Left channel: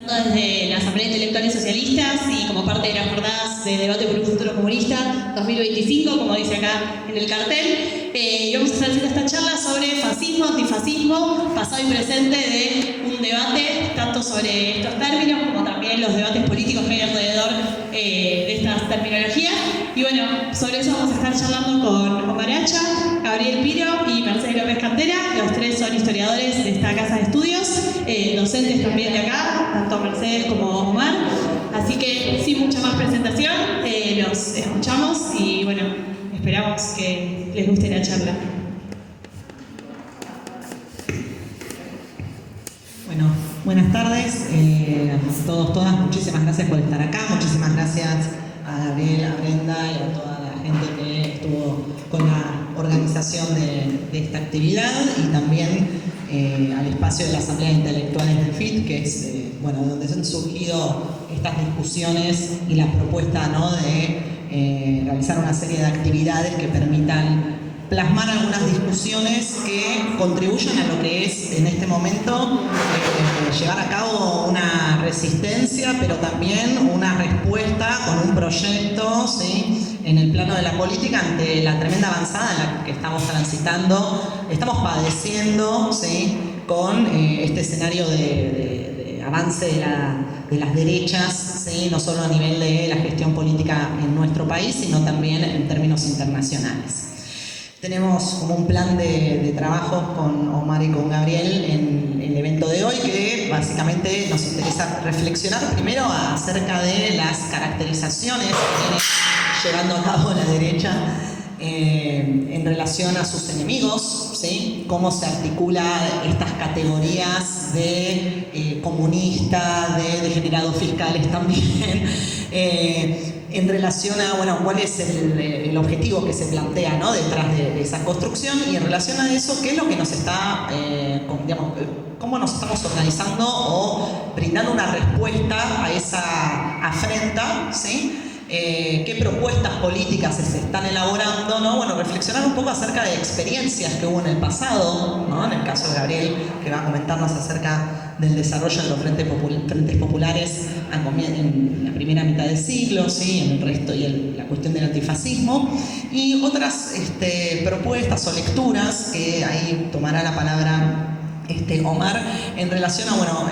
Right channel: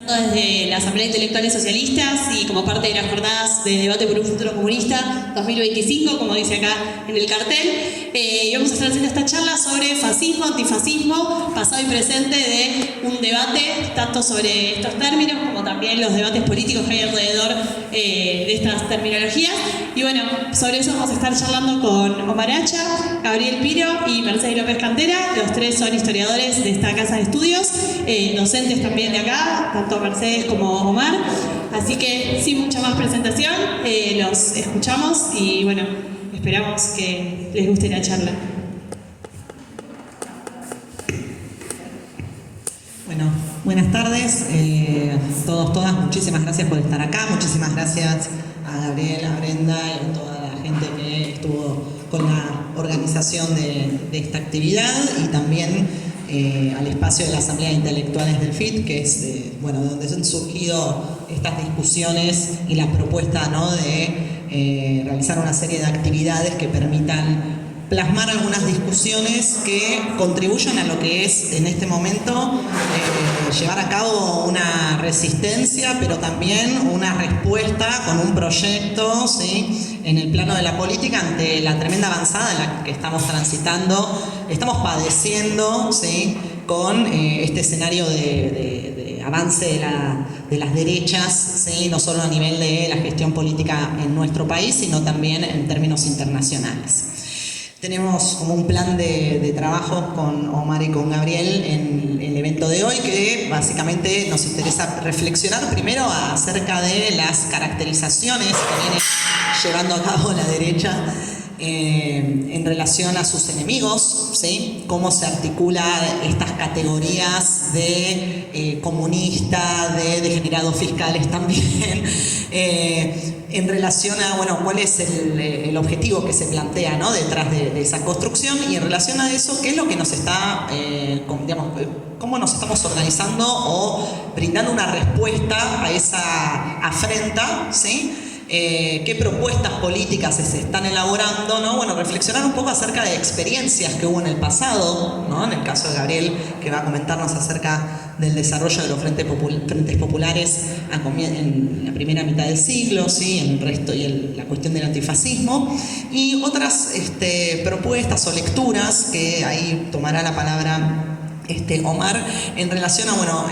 Desde la Asamblea de Intelectuales Socialistas y como parte de las jornadas de debate por un futuro comunista 2025, como dice acá en el cartel, y vamos a estar haciendo esta charla sobre fascismo, antifascismo, pasado y presente de un debate tanto sobre estos términos como también los debates políticos que hay alrededor de estas terminologías. Y bueno, sobre eso vamos a estar charlando con Omar Hacha, Gabriel Piro y Mercedes López Cantera. Los tres son historiadores de esta casa de estudios, docentes también de acá, tanto Mercedes como Omar. Así que sin mucha más presentación, los escuchamos y bueno, esperamos que les guste la charla. Bueno, buenas tardes a todos, todas. Muchísimas gracias por estar acá. Muchísimas gracias a Gabriel, a Brenda y a toda la gente que estuvo con la organización de esta actividad y también al espacio de la Asamblea de Intelectuales del FIT, que es bueno, donde han surgido estas discusiones y la propuesta, ¿no?, de realizar una serie de actividades que permitan plasmar algunas discusiones que contribuyan a lo que es en este momento llevar a cabo una resistencia, pero también una respuesta con un proyecto, ¿sí?, en el plano de la política ante la tremenda avanzada en la que estamos transitando, estamos padeciendo, ¿sí?, con este escenario de avance de las derechas, ¿sí?, no solo a nivel de la gestión política en nuestro país, sino también en términos internacionales. Tenemos como un plan de trabajo con Omar y con Gabriel en el evento de hoy, que básicamente nos interesa reflexionar primero acerca de las caracterizaciones que viene llevando a cabo la derecha en relación a sus enemigos, ¿sí? Cómo se articula estas categorías de comunista, de degenerados fiscales también, en relación a, bueno, cuál es el objetivo que se plantea, ¿no?, detrás de esa construcción, y en relación a eso, qué es lo que nos está, digamos, cómo nos estamos organizando o brindando una respuesta a esa afrenta, ¿sí? Qué propuestas políticas se están elaborando, ¿no? Bueno, reflexionar un poco acerca de experiencias que hubo en el pasado, ¿no? En el caso de Gabriel, que va a comentarnos acerca del desarrollo de los frentes populares en la primera mitad del siglo, ¿sí?, en el resto y la cuestión del antifascismo, y otras propuestas o lecturas que ahí tomará la palabra Omar, en relación a, bueno,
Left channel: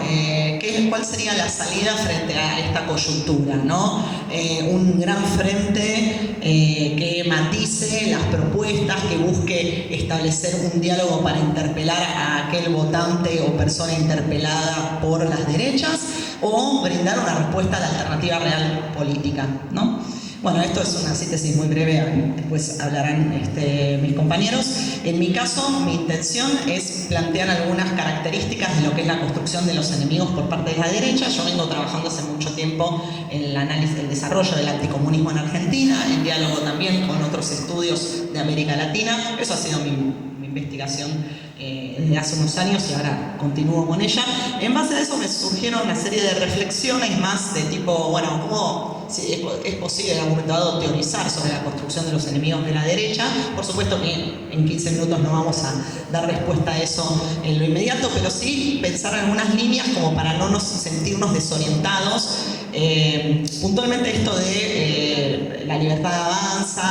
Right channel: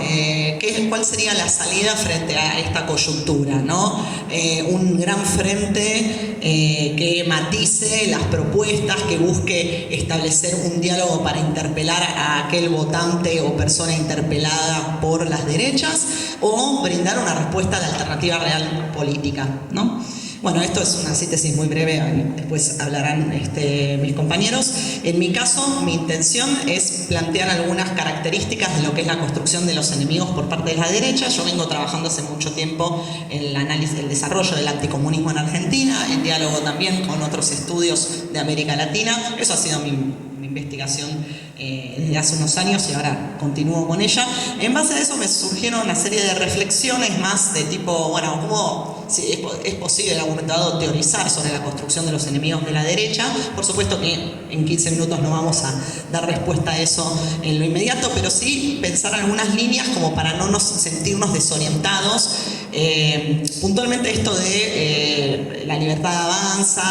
cuál sería la salida frente a esta coyuntura, ¿no? Un gran frente que matice las propuestas, que busque establecer un diálogo para interpelar a aquel votante o persona interpelada por las derechas, o brindar una respuesta a la alternativa real política, ¿no? Bueno, esto es una síntesis muy breve, después hablarán mis compañeros. En mi caso, mi intención es plantear algunas características de lo que es la construcción de los enemigos por parte de la derecha. Yo vengo trabajando hace mucho tiempo en el análisis, el desarrollo del anticomunismo en Argentina, en diálogo también con otros estudios de América Latina. Eso ha sido mi investigación desde hace unos años y ahora continúo con ella. En base a eso me surgieron una serie de reflexiones más de tipo, bueno, ¿cómo es posible en algún momento dado teorizar sobre la construcción de los enemigos de la derecha? Por supuesto que en 15 minutos no vamos a dar respuesta a eso en lo inmediato, pero sí pensar algunas líneas como para no sentirnos desorientados. Puntualmente esto de la libertad avanza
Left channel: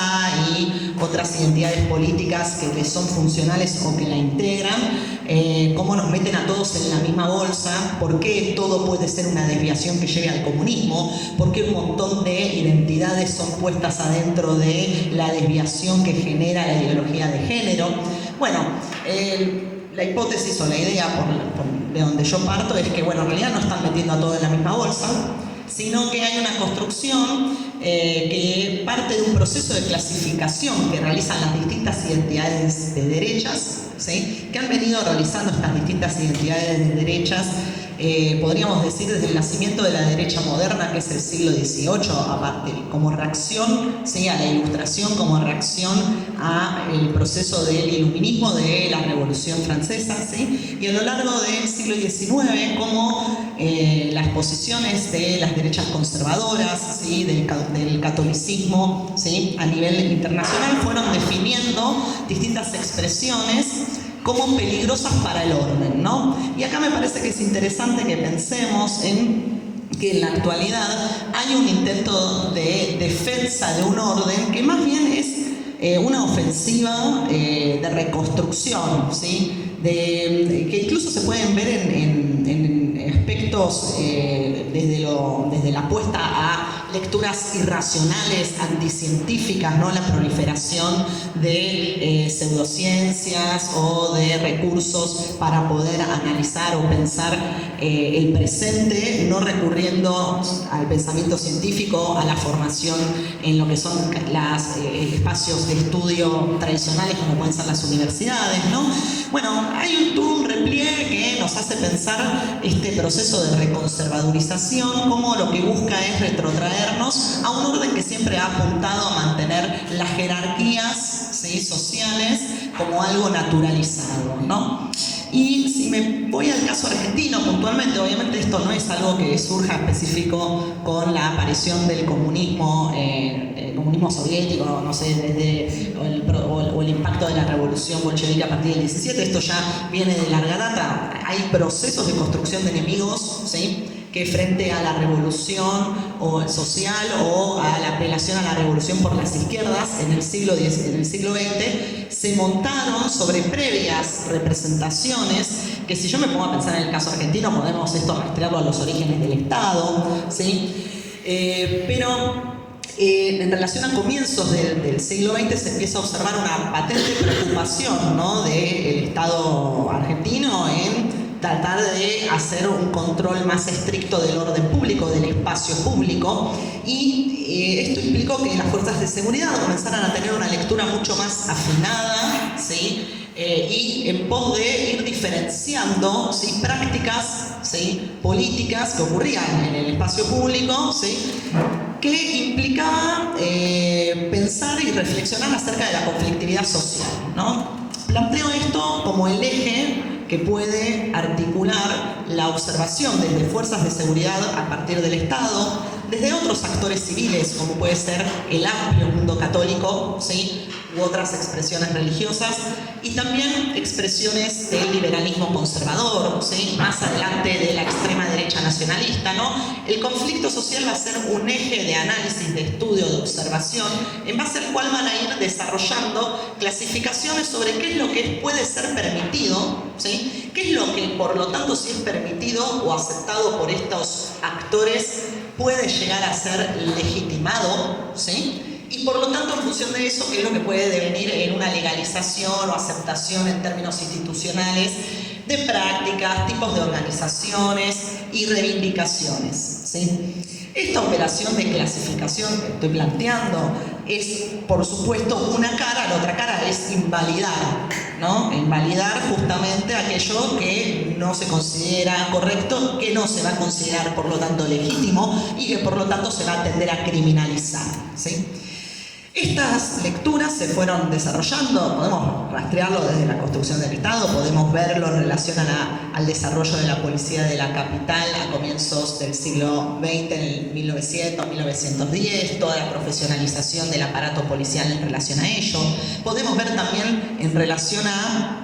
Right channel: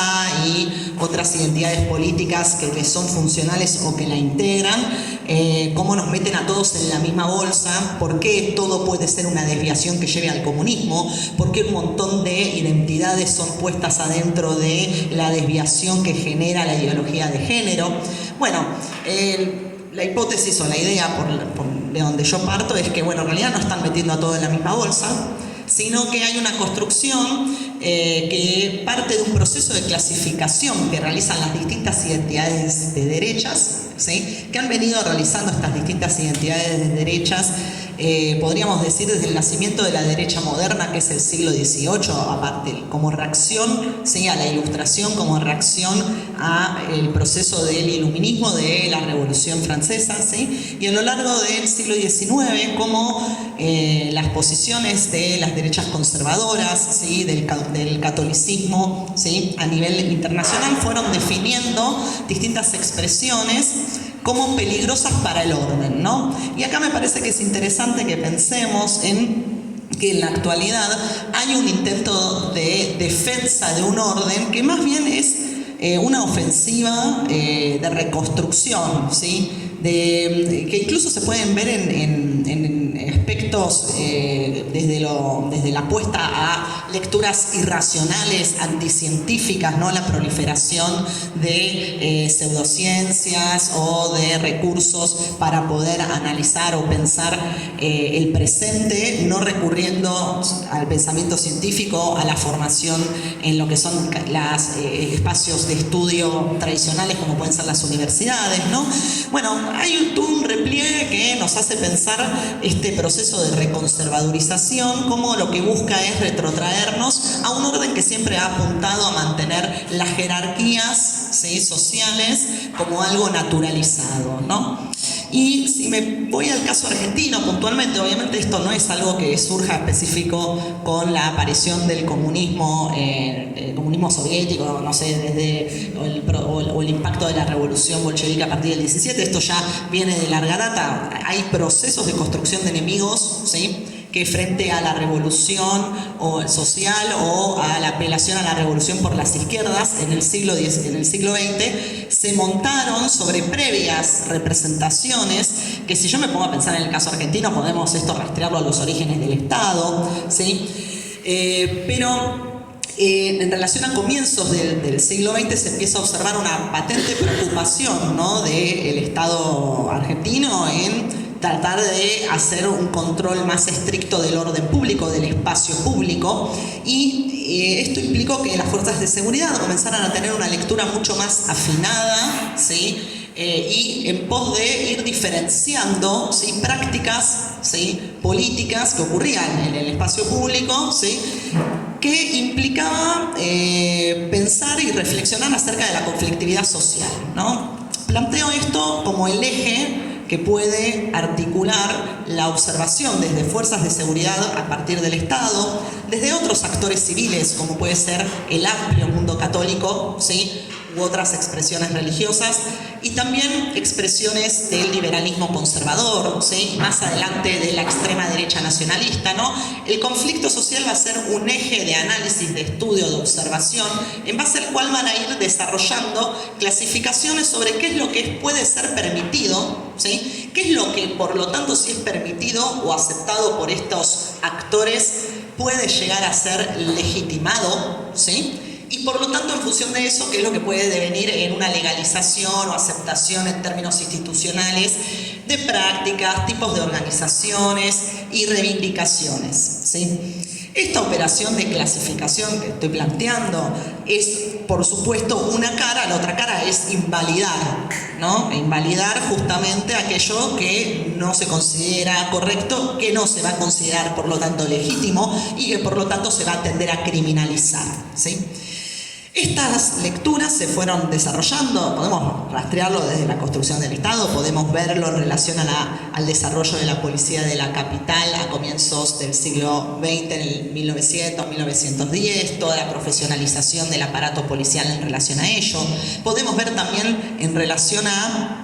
y otras identidades políticas que le son funcionales o que la integran, cómo nos meten a todos en la misma bolsa, por qué todo puede ser una desviación que lleve al comunismo, por qué un montón de identidades son puestas adentro de la desviación que genera la ideología de género. Bueno, la hipótesis o la idea de donde yo parto es que, bueno, en realidad no están metiendo a todos en la misma bolsa, sino que hay una construcción que parte de un proceso de clasificación que realizan las distintas identidades de derechas, ¿sí?, que han venido realizando estas distintas identidades de derechas, podríamos decir desde el nacimiento de la derecha moderna, que es el siglo XVIII, aparte, como reacción, ¿sí?, a la Ilustración, como reacción al proceso del iluminismo de la Revolución Francesa, ¿sí?, y a lo largo del siglo XIX, como las posiciones de las derechas conservadoras, ¿sí?, del catolicismo, ¿sí?, a nivel internacional fueron definiendo distintas expresiones como peligrosas para el orden, ¿no? Y acá me parece que es interesante que pensemos en que en la actualidad hay un intento de defensa de un orden que más bien es una ofensiva de reconstrucción, ¿sí? Que incluso se pueden ver en aspectos desde la apuesta a lecturas irracionales, anticientíficas, ¿no? La proliferación de pseudociencias o de recursos para poder analizar o pensar el presente, no recurriendo al pensamiento científico, a la formación en lo que son los espacios de estudio tradicionales como pueden ser las universidades, ¿no? Bueno, hay todo un repliegue que nos hace pensar este proceso de reconservadurización como lo que busca es retrotraernos a un orden que siempre ha apuntado a mantener las jerarquías, ¿sí?, sociales como algo naturalizado, ¿no? Y si me voy al caso argentino puntualmente, obviamente esto no es algo que surja específico con la aparición del comunismo, comunismo soviético, no sé, desde el impacto de la revolución bolchevique a partir del 17, esto ya viene de larga data. Hay procesos de construcción de enemigos, ¿sí?, que frente a la revolución social o a la apelación a la revolución por las izquierdas en el siglo XX, se montaron sobre previas representaciones que, si yo me pongo a pensar en el caso argentino, podemos esto rastrearlo a los orígenes del Estado, ¿sí? Pero en relación a comienzos del siglo XX se empieza a observar una patente preocupación, ¿no?, del Estado argentino en tratar de hacer un control más estricto del orden público, del espacio público, y esto implicó que las fuerzas de seguridad comenzaran a tener una lectura mucho más afinada, ¿sí?, y en pos de ir diferenciando, ¿sí?, prácticas, ¿sí?, políticas que ocurrían en el espacio público, ¿sí?, que implicaba pensar y reflexionar acerca de la conflictividad social, ¿no? Planteo esto como el eje que puede articular la observación desde fuerzas de seguridad a partir del Estado, desde otros actores civiles, como puede ser el amplio mundo católico, ¿sí?, u otras expresiones religiosas, y también expresiones del liberalismo conservador, ¿sí?, más adelante de la extrema derecha nacionalista, ¿no? El conflicto social va a ser un eje de análisis, de estudio, de observación, en base al cual van a ir desarrollando clasificaciones sobre qué es lo que puede ser permitido, ¿sí?, qué es lo que, por lo tanto, si es permitido o aceptado por estos actores, puede llegar a ser legitimado, ¿sí?, y por lo tanto, en función de eso, qué es lo que puede devenir en una legalización o aceptación en términos institucionales de prácticas, tipos de organizaciones y reivindicaciones, ¿sí? Esta operación de clasificación que estoy planteando es, por supuesto, una cara. La otra cara es invalidar, ¿no? Invalidar justamente aquello que no se considera correcto, que no se va a considerar, por lo tanto, legítimo y que, por lo tanto, se va a tender a criminalizar, ¿sí? Estas lecturas se fueron desarrollando, podemos rastrearlo desde la construcción del Estado, podemos verlo en relación al desarrollo de la policía de la capital a comienzos del siglo XX, en el 1900, 1910, toda la profesionalización del aparato policial en relación a ello. Podemos ver también en relación a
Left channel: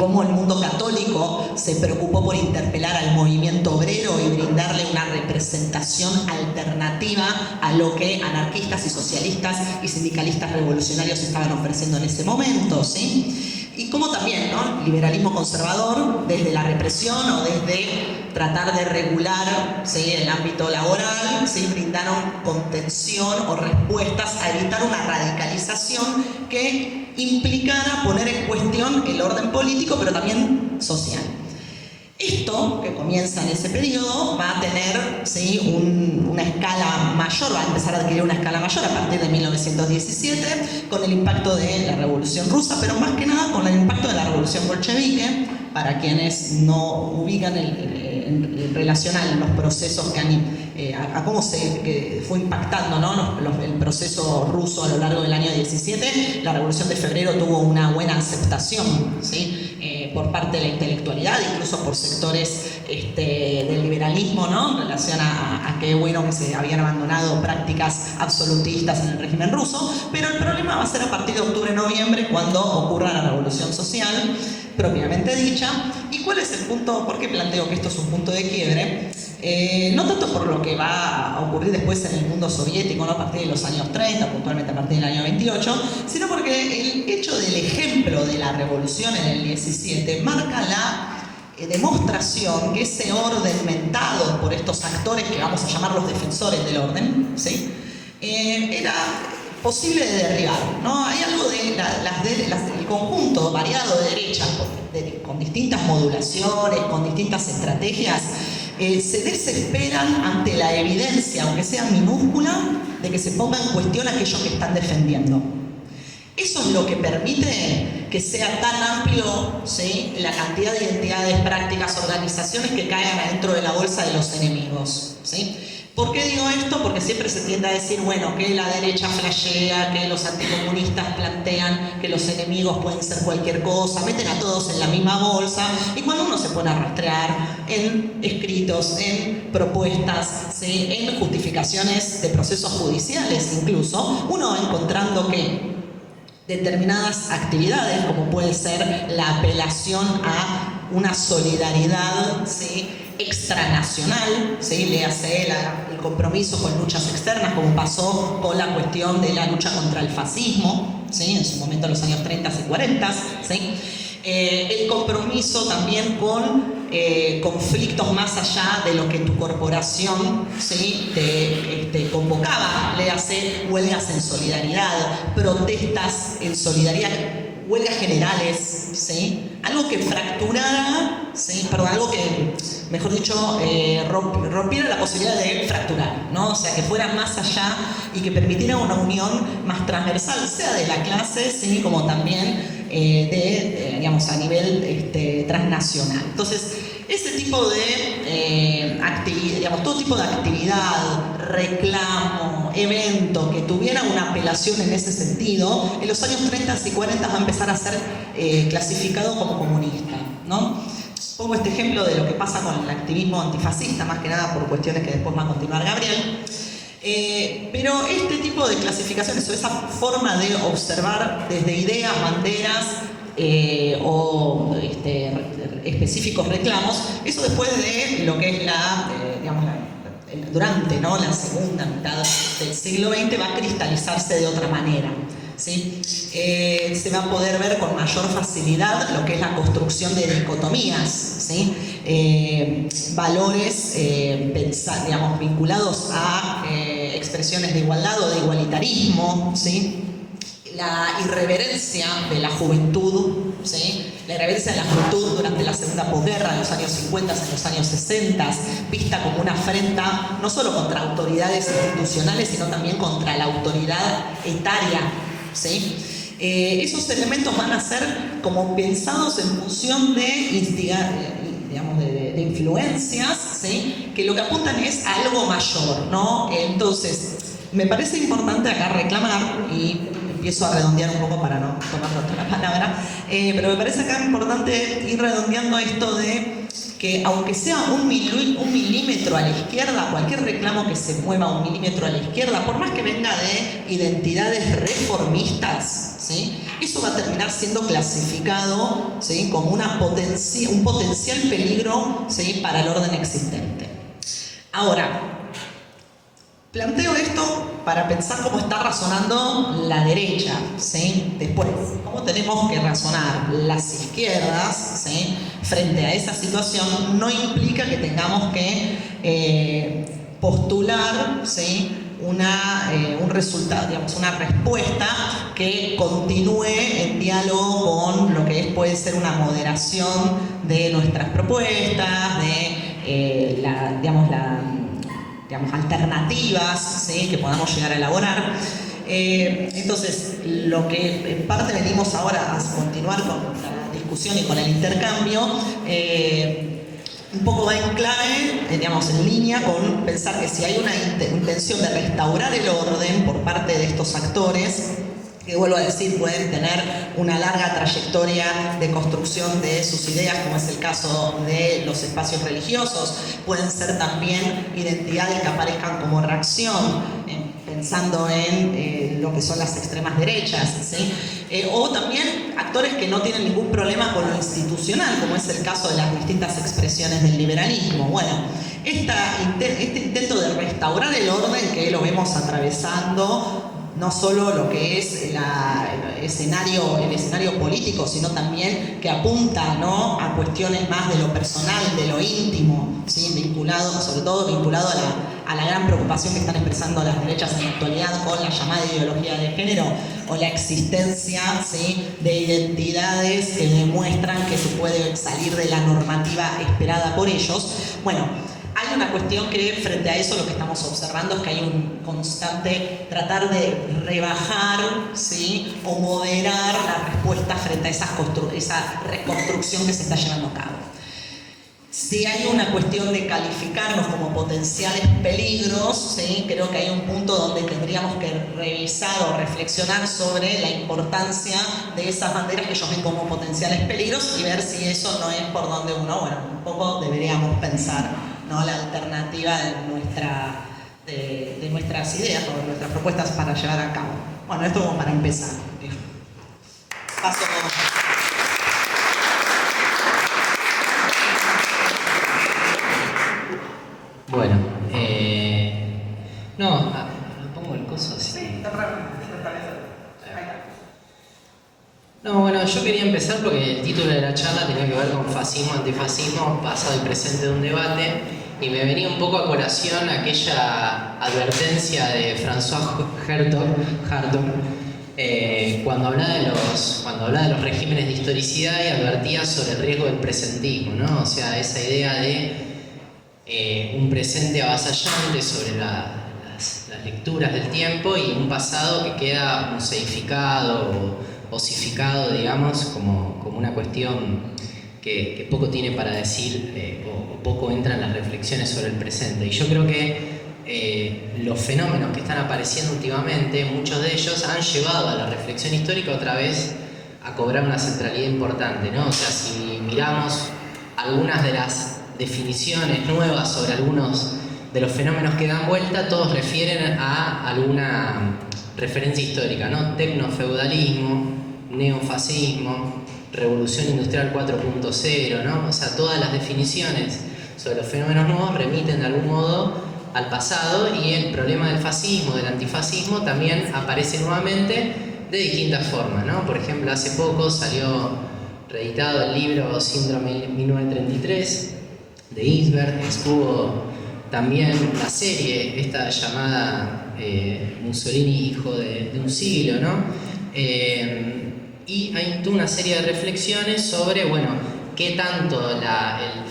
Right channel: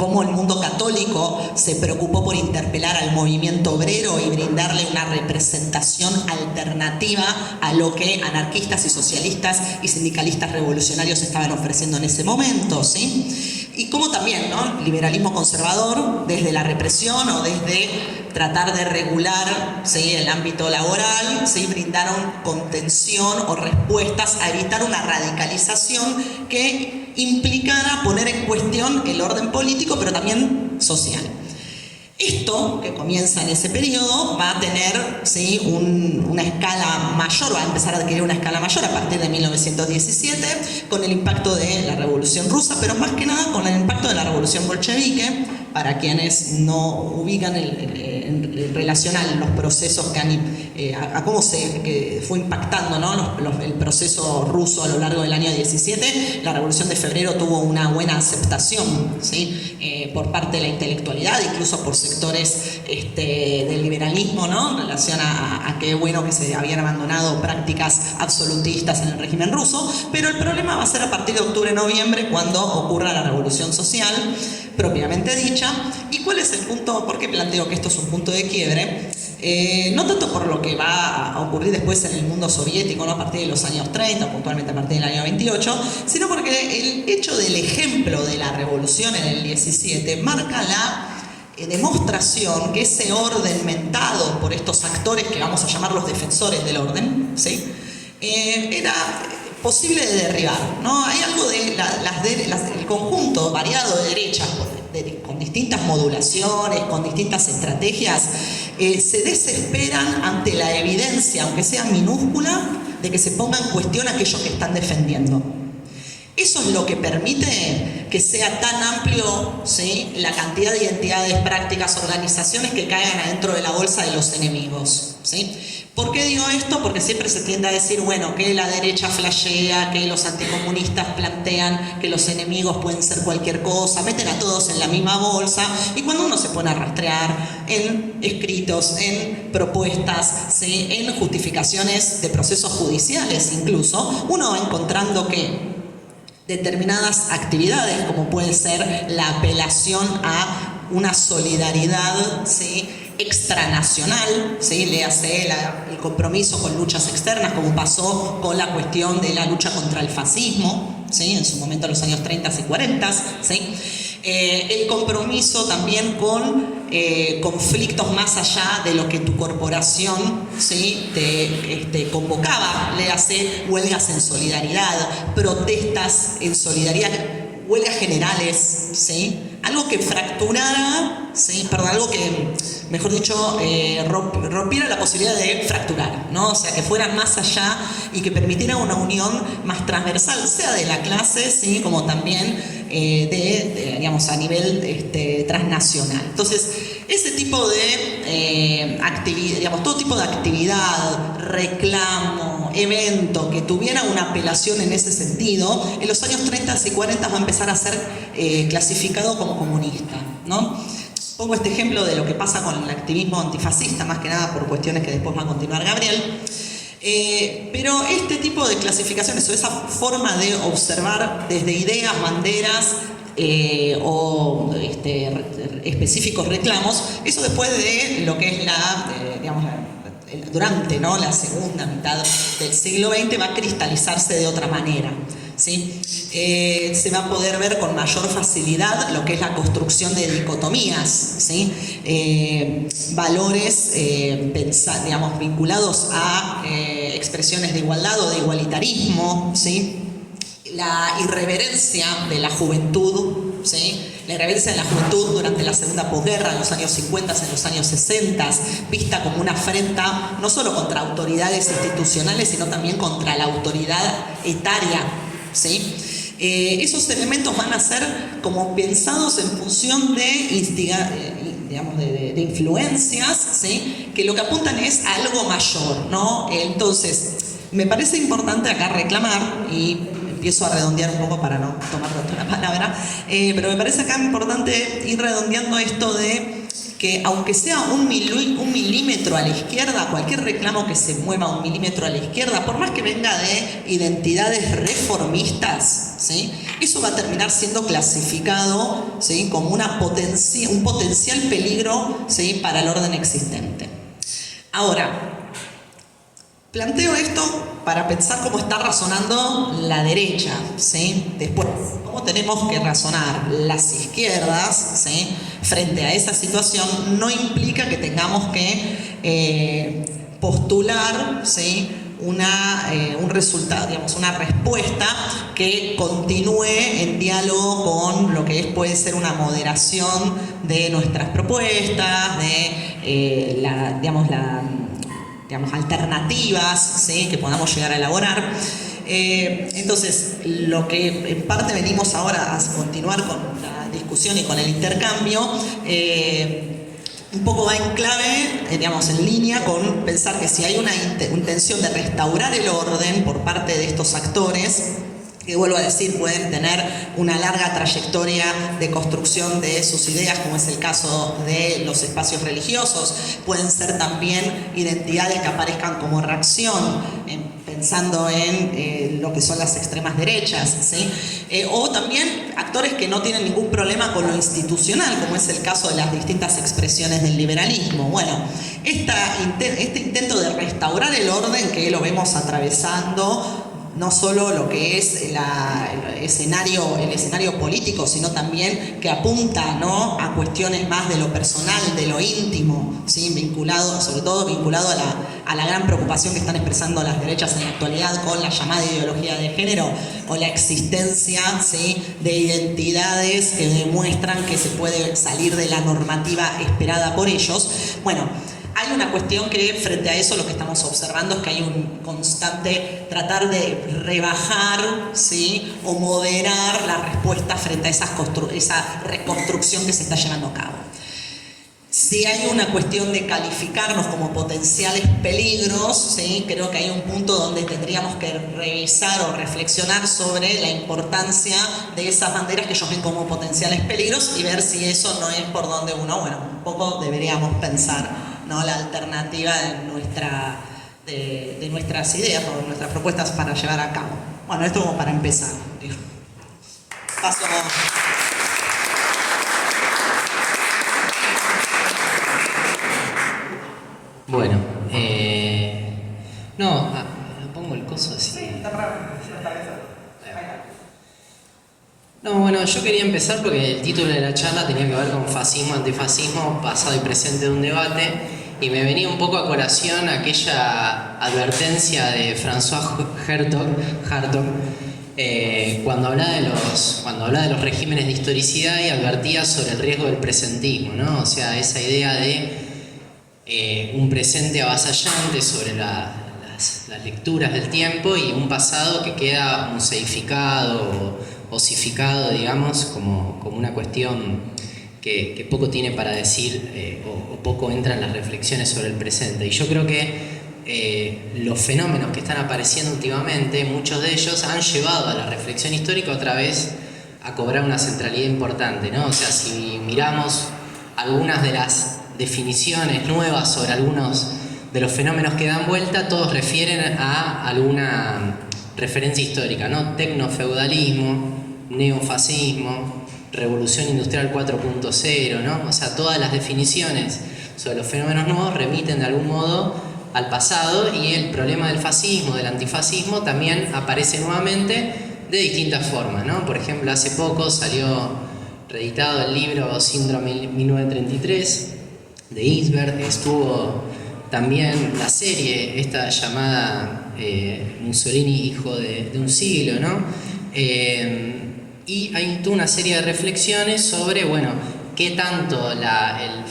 cómo el mundo católico se preocupó por interpelar al movimiento obrero y brindarle una representación alternativa a lo que anarquistas y socialistas y sindicalistas revolucionarios estaban ofreciendo en ese momento, ¿sí? Y como también, ¿no?, liberalismo conservador, desde la represión o desde tratar de regular, ¿sí?, el ámbito laboral, ¿sí?, brindaron contención o respuestas a evitar una radicalización que implicara poner en cuestión el orden político, pero también social. Esto, que comienza en ese periodo, va a tener, ¿sí?, una escala mayor, va a empezar a adquirir una escala mayor a partir de 1917, con el impacto de la Revolución Rusa, pero más que nada con el impacto de la Revolución Bolchevique. Para quienes no ubican en relación a los procesos que han, a cómo que fue impactando, ¿no? el proceso ruso a lo largo del año 17. La Revolución de Febrero tuvo una buena aceptación, ¿sí? Por parte de la intelectualidad, incluso por sectores del liberalismo, ¿no? En relación a qué bueno que se habían abandonado prácticas absolutistas en el régimen ruso, pero el problema va a ser a partir de octubre-noviembre, cuando ocurra la revolución social propiamente dicha. ¿Y cuál es el punto? ¿Por qué planteo que esto es un punto de quiebre? No tanto por lo que va a ocurrir después en el mundo soviético, ¿no? A partir de los años 30, puntualmente a partir del año 28, sino porque el hecho del ejemplo de la revolución en el 17 marca la demostración que ese orden mentado por estos actores que vamos a llamar los defensores del orden, ¿sí? Era posible de derribar, ¿no? Hay algo de el conjunto variado de derechas con distintas modulaciones, con distintas estrategias, se desesperan ante la evidencia, aunque sea minúscula, de que se ponga en cuestión aquello que están defendiendo. Eso es lo que permite que sea tan amplio, ¿sí?, la cantidad de identidades, prácticas, organizaciones que caigan adentro de la bolsa de los enemigos, ¿sí? ¿Por qué digo esto? Porque siempre se tiende a decir, bueno, que la derecha flashea, que los anticomunistas plantean que los enemigos pueden ser cualquier cosa, meten a todos en la misma bolsa, y cuando uno se pone a rastrear en escritos, en propuestas, ¿sí?, en justificaciones de procesos judiciales incluso, uno va encontrando que determinadas actividades, como puede ser la apelación a una solidaridad, ¿sí?, extranacional, ¿sí?, léase el compromiso con luchas externas, como pasó con la cuestión de la lucha contra el fascismo, ¿sí?, en su momento en los años 30 y 40, ¿sí?, el compromiso también con conflictos más allá de lo que tu corporación, ¿sí?, te convocaba, léase huelgas en solidaridad, protestas en solidaridad, huelgas generales, ¿sí?, algo que fracturara, ¿sí?, perdón, algo que, mejor dicho, rompiera la posibilidad de fracturar, ¿no? O sea, que fuera más allá y que permitiera una unión más transversal, sea de la clase, ¿sí?, como también digamos, a nivel transnacional. Entonces, ese tipo de actividad, digamos, todo tipo de actividad, reclamo, evento que tuviera una apelación en ese sentido, en los años 30 y 40 va a empezar a ser clasificado como comunista, ¿no? Pongo este ejemplo de lo que pasa con el activismo antifascista, más que nada por cuestiones que después va a continuar Gabriel. Pero este tipo de clasificaciones o esa forma de observar desde ideas, banderas o específicos reclamos, eso después de lo que es digamos, durante, ¿no?, la segunda mitad del siglo XX va a cristalizarse de otra manera, ¿sí? Se va a poder ver con mayor facilidad lo que es la construcción de dicotomías, ¿sí? Valores digamos, vinculados a expresiones de igualdad o de igualitarismo, ¿sí? La irreverencia de la juventud, ¿sí? La irreverencia de la juventud durante la segunda posguerra, en los años 50, en los años 60, vista como una afrenta no solo contra autoridades institucionales, sino también contra la autoridad etaria, ¿sí? Esos elementos van a ser como pensados en función de instigar, digamos, de influencias, ¿sí?, que lo que apuntan es a algo mayor, ¿no? Entonces, me parece importante acá reclamar, y empiezo a redondear un poco para no tomar otra palabra, pero me parece acá importante ir redondeando esto de que aunque sea un milímetro a la izquierda, cualquier reclamo que se mueva un milímetro a la izquierda, por más que venga de identidades reformistas, ¿sí?, eso va a terminar siendo clasificado, ¿sí?, como un potencial peligro, ¿sí?, para el orden existente. Ahora, planteo esto para pensar cómo está razonando la derecha, ¿sí? Después, cómo tenemos que razonar las izquierdas, ¿sí?, frente a esa situación. No implica que tengamos que postular, ¿sí?, un resultado, digamos, una respuesta que continúe en diálogo con lo que puede ser una moderación de nuestras propuestas, de digamos, alternativas, ¿sí?, que podamos llegar a elaborar. Entonces, lo que en parte venimos ahora a continuar con la discusión y con el intercambio, un poco va en clave, digamos, en línea con pensar que si hay una intención de restaurar el orden por parte de estos actores, que vuelvo a decir, pueden tener una larga trayectoria de construcción de sus ideas, como es el caso de los espacios religiosos, pueden ser también identidades que aparezcan como reacción, pensando en lo que son las extremas derechas, ¿sí? O también actores que no tienen ningún problema con lo institucional, como es el caso de las distintas expresiones del liberalismo. Bueno, este intento de restaurar el orden que lo vemos atravesando no solo lo que es el escenario político, sino también que apunta, ¿no?, a cuestiones más de lo personal, de lo íntimo, ¿sí?, sobre todo vinculado a la gran preocupación que están expresando las derechas en la actualidad con la llamada ideología de género, o la existencia, ¿sí?, de identidades que demuestran que se puede salir de la normativa esperada por ellos. Bueno, hay una cuestión que frente a eso lo que estamos observando es que hay un constante tratar de rebajar, ¿sí?, o moderar la respuesta frente a esa reconstrucción que se está llevando a cabo. Si hay una cuestión de calificarnos como potenciales peligros, ¿sí?, creo que hay un punto donde tendríamos que revisar o reflexionar sobre la importancia de esas banderas que ellos ven como potenciales peligros y ver si eso no es por donde uno, bueno, un poco deberíamos pensar, ¿no?, la alternativa de nuestras ideas o de nuestras propuestas para llevar a cabo. Bueno, esto como para empezar. Paso. Bueno, no, pongo el coso así. Sí, está para No, bueno, yo quería empezar porque el título de la charla tenía que ver con fascismo, antifascismo, pasado y presente de un debate, y me venía un poco a colación aquella advertencia de François Hartog, cuando hablaba de los regímenes de historicidad y advertía sobre el riesgo del presentismo, ¿no? O sea, esa idea de un presente avasallante sobre las lecturas del tiempo y un pasado que queda museificado o osificado, digamos, como una cuestión que poco tiene para decir o poco entra en las reflexiones sobre el presente. Y yo creo que los fenómenos que están apareciendo últimamente, muchos de ellos han llevado a la reflexión histórica otra vez a cobrar una centralidad importante, ¿no? O sea, si miramos algunas de las definiciones nuevas sobre algunos de los fenómenos que dan vuelta, todos refieren a alguna referencia histórica, ¿no? Tecnofeudalismo, neofascismo, revolución industrial 4.0, ¿no? O sea, todas las definiciones sobre los fenómenos nuevos remiten de algún modo al pasado, y el problema del fascismo, del antifascismo, también aparece nuevamente de distintas formas, ¿no? Por ejemplo, hace poco salió reeditado el libro Síndrome 1933 de Ginsberg, estuvo también la serie esta llamada Mussolini, hijo de un siglo, ¿no? Y hay toda una serie de reflexiones sobre, bueno, qué tanto el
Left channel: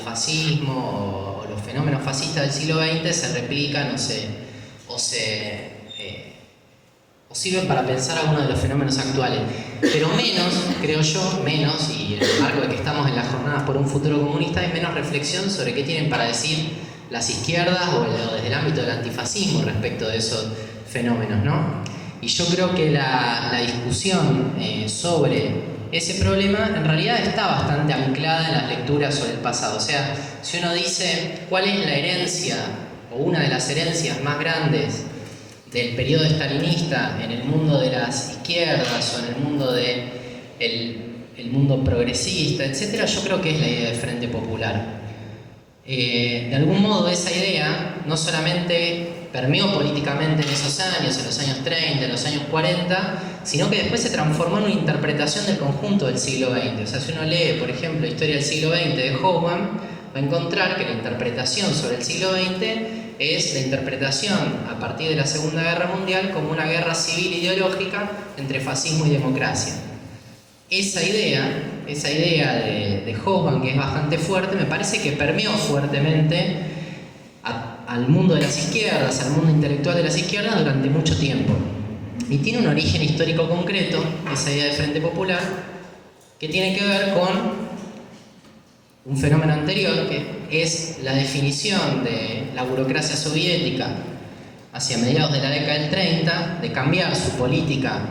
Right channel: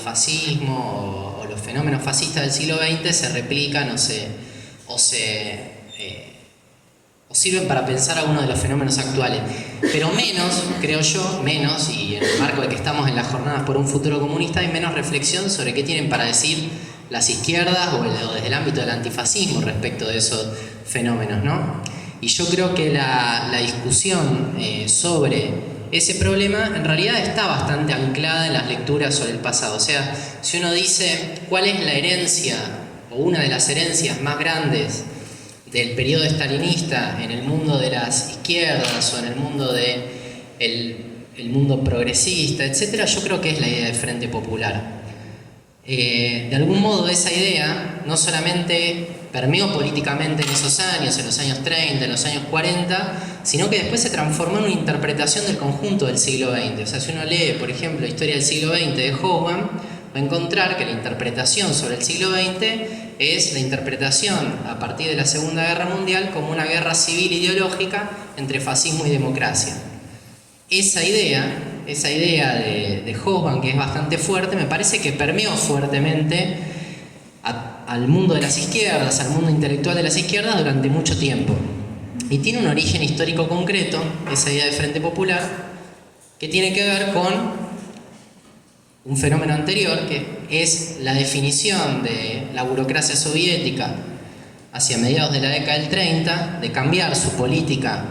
fascismo o los fenómenos fascistas del siglo XX se replican o sirven para pensar algunos de los fenómenos actuales. Pero menos, creo yo, y en el marco de que estamos en las jornadas por un futuro comunista, hay menos reflexión sobre qué tienen para decir las izquierdas o desde el ámbito del antifascismo respecto de esos fenómenos, ¿no? Y yo creo que la discusión sobre ese problema en realidad está bastante anclada en las lecturas sobre el pasado. O sea, si uno dice cuál es la herencia o una de las herencias más grandes del periodo stalinista en el mundo de las izquierdas o en el mundo el mundo progresista, etc., yo creo que es la idea de Frente Popular. De algún modo esa idea no solamente permeó políticamente en esos años, en los años 30, en los años 40, sino que después se transformó en una interpretación del conjunto del siglo XX. O sea, si uno lee, por ejemplo, Historia del siglo XX de Hobsbawm, va a encontrar que la interpretación sobre el siglo XX es la interpretación a partir de la Segunda Guerra Mundial como una guerra civil ideológica entre fascismo y democracia. Esa idea de Hobsbawm, que es bastante fuerte, me parece que permeó fuertemente al mundo de las izquierdas, al mundo intelectual de las izquierdas durante mucho tiempo. Y tiene un origen histórico concreto, esa idea de Frente Popular, que tiene que ver con un fenómeno anterior, que es la definición de la burocracia soviética hacia mediados de la década del 30, de cambiar su política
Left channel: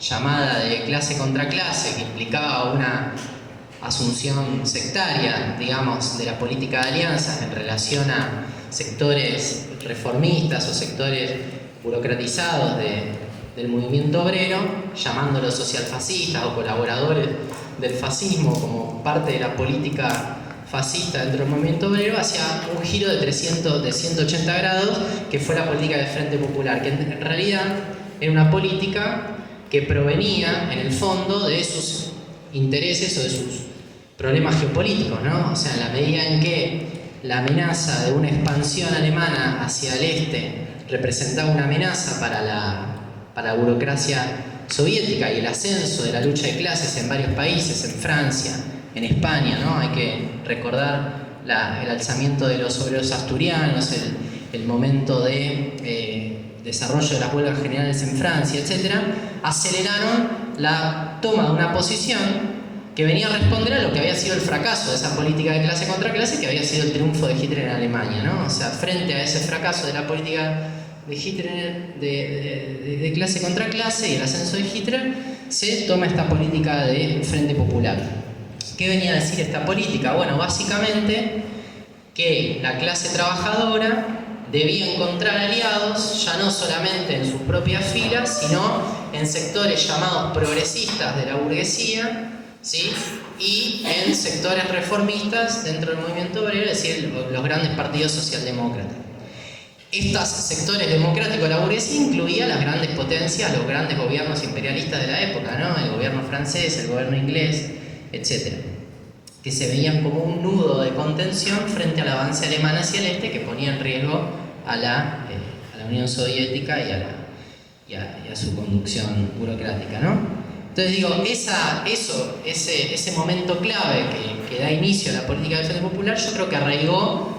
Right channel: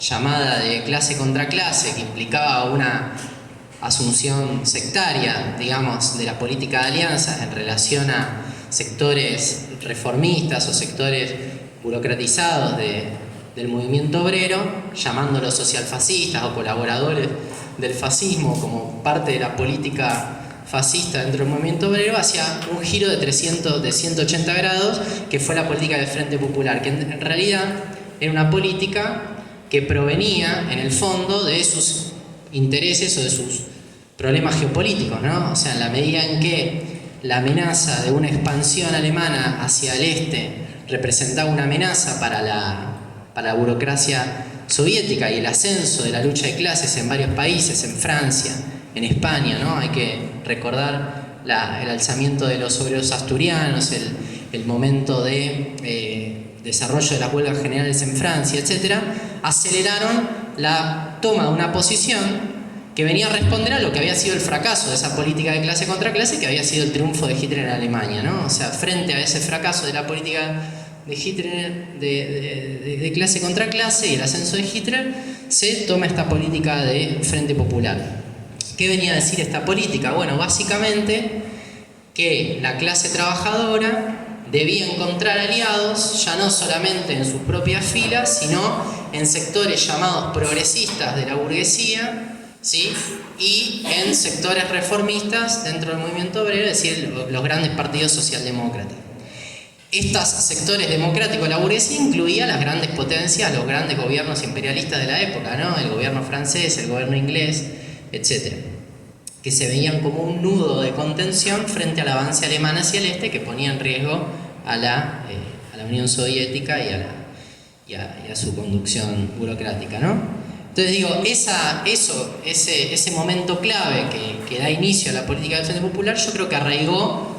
llamada de clase contra clase, que implicaba una asunción sectaria, digamos, de la política de alianzas en relación a sectores reformistas o sectores burocratizados del movimiento obrero, llamándolos socialfascistas o colaboradores del fascismo como parte de la política fascista dentro del movimiento obrero, hacia un giro de 180 grados, que fue la política del Frente Popular, que en realidad era una política que provenía, en el fondo, de sus intereses o de sus problemas geopolíticos, ¿no? O sea, en la medida en que la amenaza de una expansión alemana hacia el este representaba una amenaza para la burocracia soviética y el ascenso de la lucha de clases en varios países, en Francia, en España, ¿no? Hay que recordar el alzamiento de los obreros asturianos, el momento de desarrollo de las huelgas generales en Francia, etc., aceleraron la toma de una posición que venía a responder a lo que había sido el fracaso de esa política de clase contra clase, que había sido el triunfo de Hitler en Alemania, ¿no? O sea, frente a ese fracaso de la política de Hitler de clase contra clase y el ascenso de Hitler, se toma esta política de Frente Popular. ¿Qué venía a decir esta política? Bueno, básicamente que la clase trabajadora debía encontrar aliados ya no solamente en sus propias filas, sino en sectores llamados progresistas de la burguesía, ¿sí? Y en sectores reformistas dentro del movimiento obrero, es decir, los grandes partidos socialdemócratas. Estos sectores democráticos de la burguesía incluían las grandes potencias, los grandes gobiernos imperialistas de la época, ¿no? El gobierno francés, el gobierno inglés, etc., que se veían como un nudo de contención frente al avance alemán hacia el este, que ponía en riesgo a la Unión Soviética y a su conducción burocrática, ¿no? Entonces digo, ese momento clave que da inicio a la política del Frente Popular, yo creo que arraigó.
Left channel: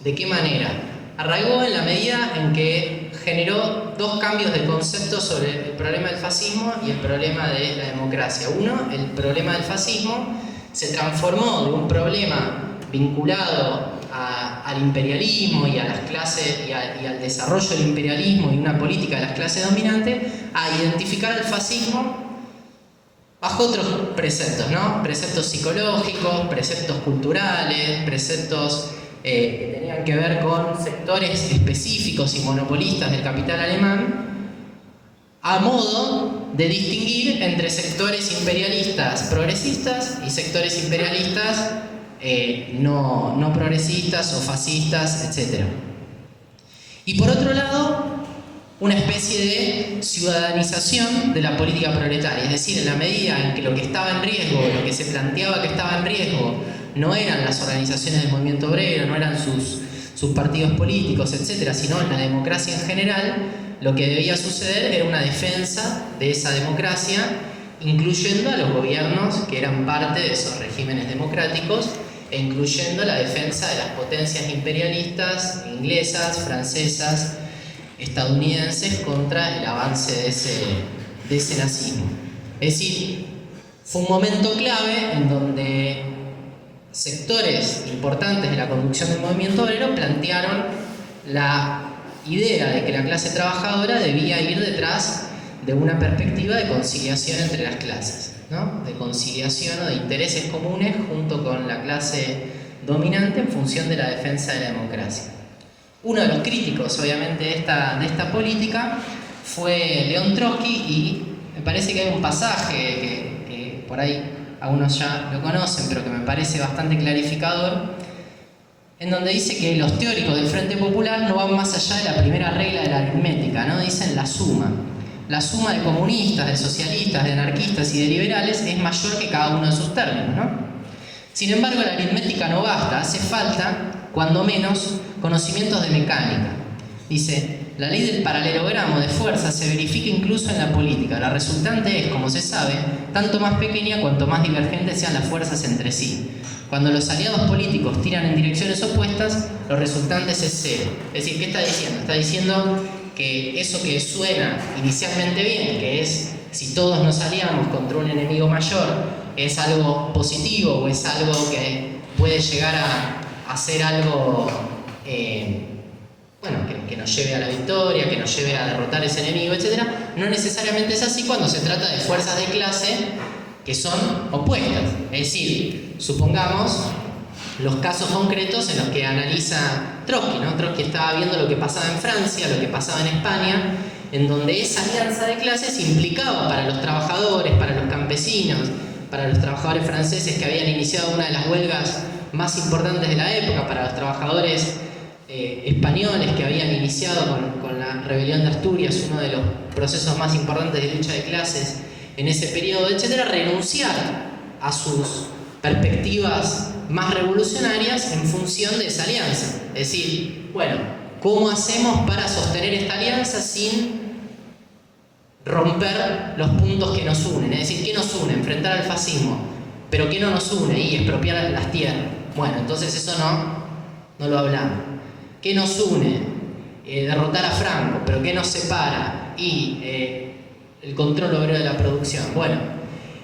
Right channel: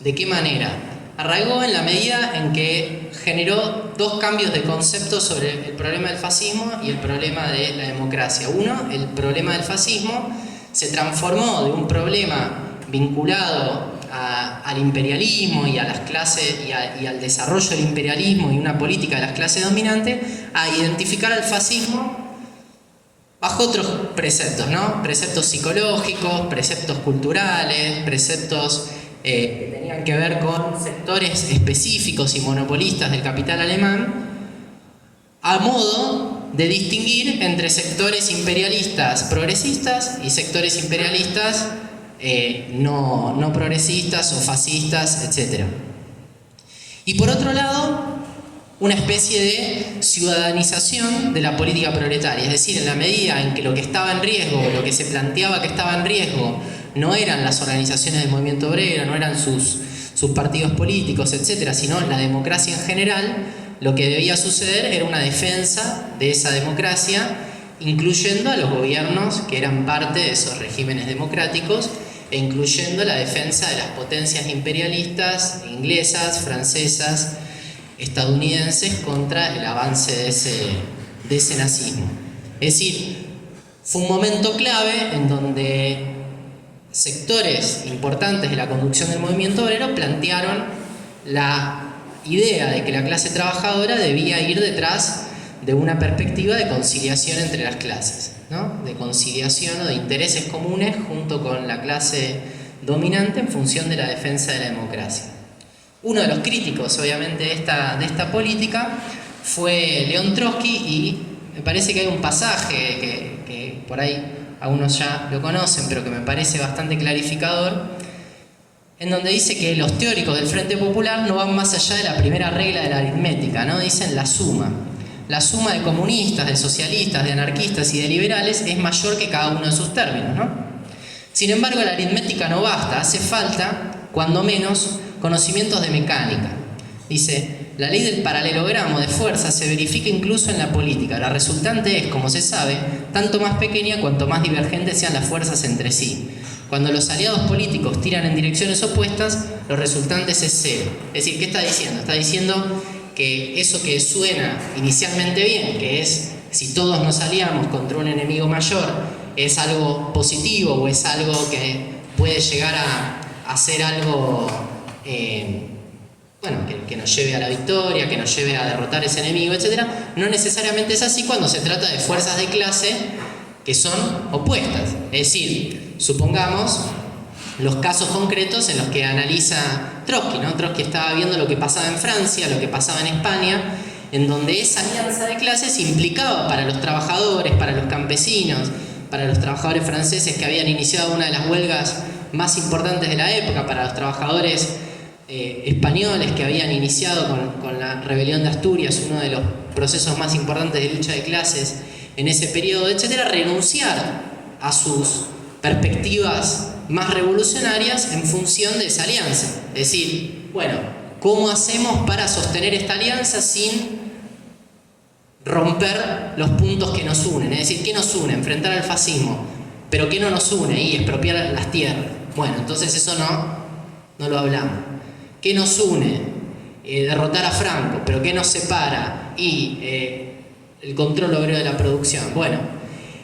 ¿De qué manera? Arraigó en la medida en que generó dos cambios de concepto sobre el problema del fascismo y el problema de la democracia. Uno, el problema del fascismo se transformó de un problema vinculado al imperialismo y a las clases y al desarrollo del imperialismo y una política de las clases dominantes, a identificar al fascismo bajo otros preceptos, ¿no? Preceptos psicológicos, preceptos culturales, preceptos que tenían que ver con sectores específicos y monopolistas del capital alemán, a modo de distinguir entre sectores imperialistas progresistas y sectores imperialistas no progresistas o fascistas, etc. Y por otro lado, una especie de ciudadanización de la política proletaria, es decir, en la medida en que lo que estaba en riesgo, lo que se planteaba que estaba en riesgo, no eran las organizaciones del movimiento obrero, no eran sus partidos políticos, etc., sino la democracia en general, lo que debía suceder era una defensa de esa democracia, incluyendo a los gobiernos que eran parte de esos regímenes democráticos, e incluyendo la defensa de las potencias imperialistas, inglesas, francesas, estadounidenses, contra el avance de ese nazismo. Es decir, fue un momento clave en donde sectores importantes de la conducción del movimiento obrero plantearon la idea de que la clase trabajadora debía ir detrás de una perspectiva de conciliación entre las clases, ¿no? De conciliación o de intereses comunes junto con la clase dominante en función de la defensa de la democracia. Uno de los críticos, obviamente, de esta política fue León Trotsky, y me parece que hay un pasaje que por ahí algunos ya lo conocen, pero que me parece bastante clarificador, en donde dice que los teóricos del Frente Popular no van más allá de la primera regla de la aritmética, ¿no? Dicen la suma. La suma de comunistas, de socialistas, de anarquistas y de liberales es mayor que cada uno de sus términos, ¿no? Sin embargo, la aritmética no basta, hace falta, cuando menos, conocimientos de mecánica. Dice, la ley del paralelogramo de fuerza se verifica incluso en la política. La resultante es, como se sabe, tanto más pequeña cuanto más divergentes sean las fuerzas entre sí. Cuando los aliados políticos tiran en direcciones opuestas, los resultantes es cero. Es decir, ¿qué está diciendo? Está diciendo que eso que suena inicialmente bien, que es si todos nos aliamos contra un enemigo mayor, es algo positivo o es algo que puede llegar a ser algo bueno, que nos lleve a la victoria, que nos lleve a derrotar ese enemigo, etc. No necesariamente es así cuando se trata de fuerzas de clase que son opuestas. Es decir, supongamos los casos concretos en los que analiza Trotsky, ¿no? Trotsky estaba viendo lo que pasaba en Francia, lo que pasaba en España, en donde esa alianza de clases implicaba para los trabajadores, para los campesinos, para los trabajadores franceses que habían iniciado una de las huelgas más importantes de la época, para los trabajadores españoles que habían iniciado con la rebelión de Asturias, uno de los procesos más importantes de lucha de clases en ese periodo, etcétera, renunciar a sus perspectivas más revolucionarias en función de esa alianza. Es decir, bueno, ¿cómo hacemos para sostener esta alianza sin romper los puntos que nos unen? Es decir, ¿qué nos une? Enfrentar al fascismo. ¿Pero qué no nos une? Y expropiar las tierras. Bueno, entonces eso no lo hablamos. ¿Qué nos une? Derrotar a Franco. ¿Pero qué nos separa? Y el control obrero de la producción. Bueno,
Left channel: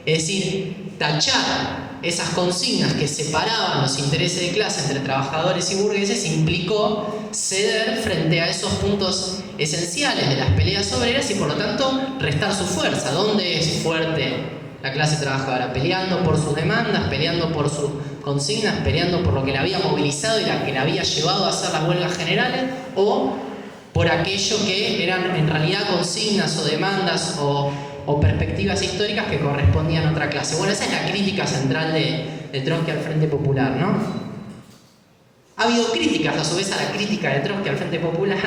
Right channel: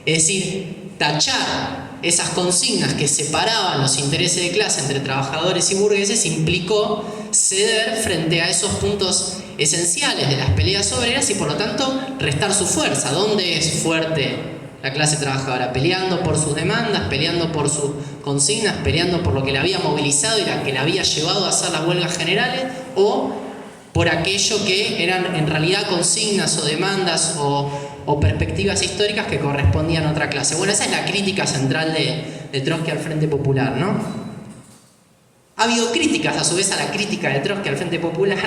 es decir, tachar esas consignas que separaban los intereses de clase entre trabajadores y burgueses implicó ceder frente a esos puntos esenciales de las peleas obreras y por lo tanto restar su fuerza. ¿Dónde es fuerte la clase trabajadora? Peleando por sus demandas, peleando por sus consignas, peleando por lo que la había movilizado y la que la había llevado a hacer las huelgas generales, o por aquello que eran en realidad consignas o demandas o perspectivas históricas que correspondían a otra clase. Bueno, esa es la crítica central de Trotsky al Frente Popular, ¿no? Ha habido críticas a su vez a la crítica de Trotsky al Frente Popular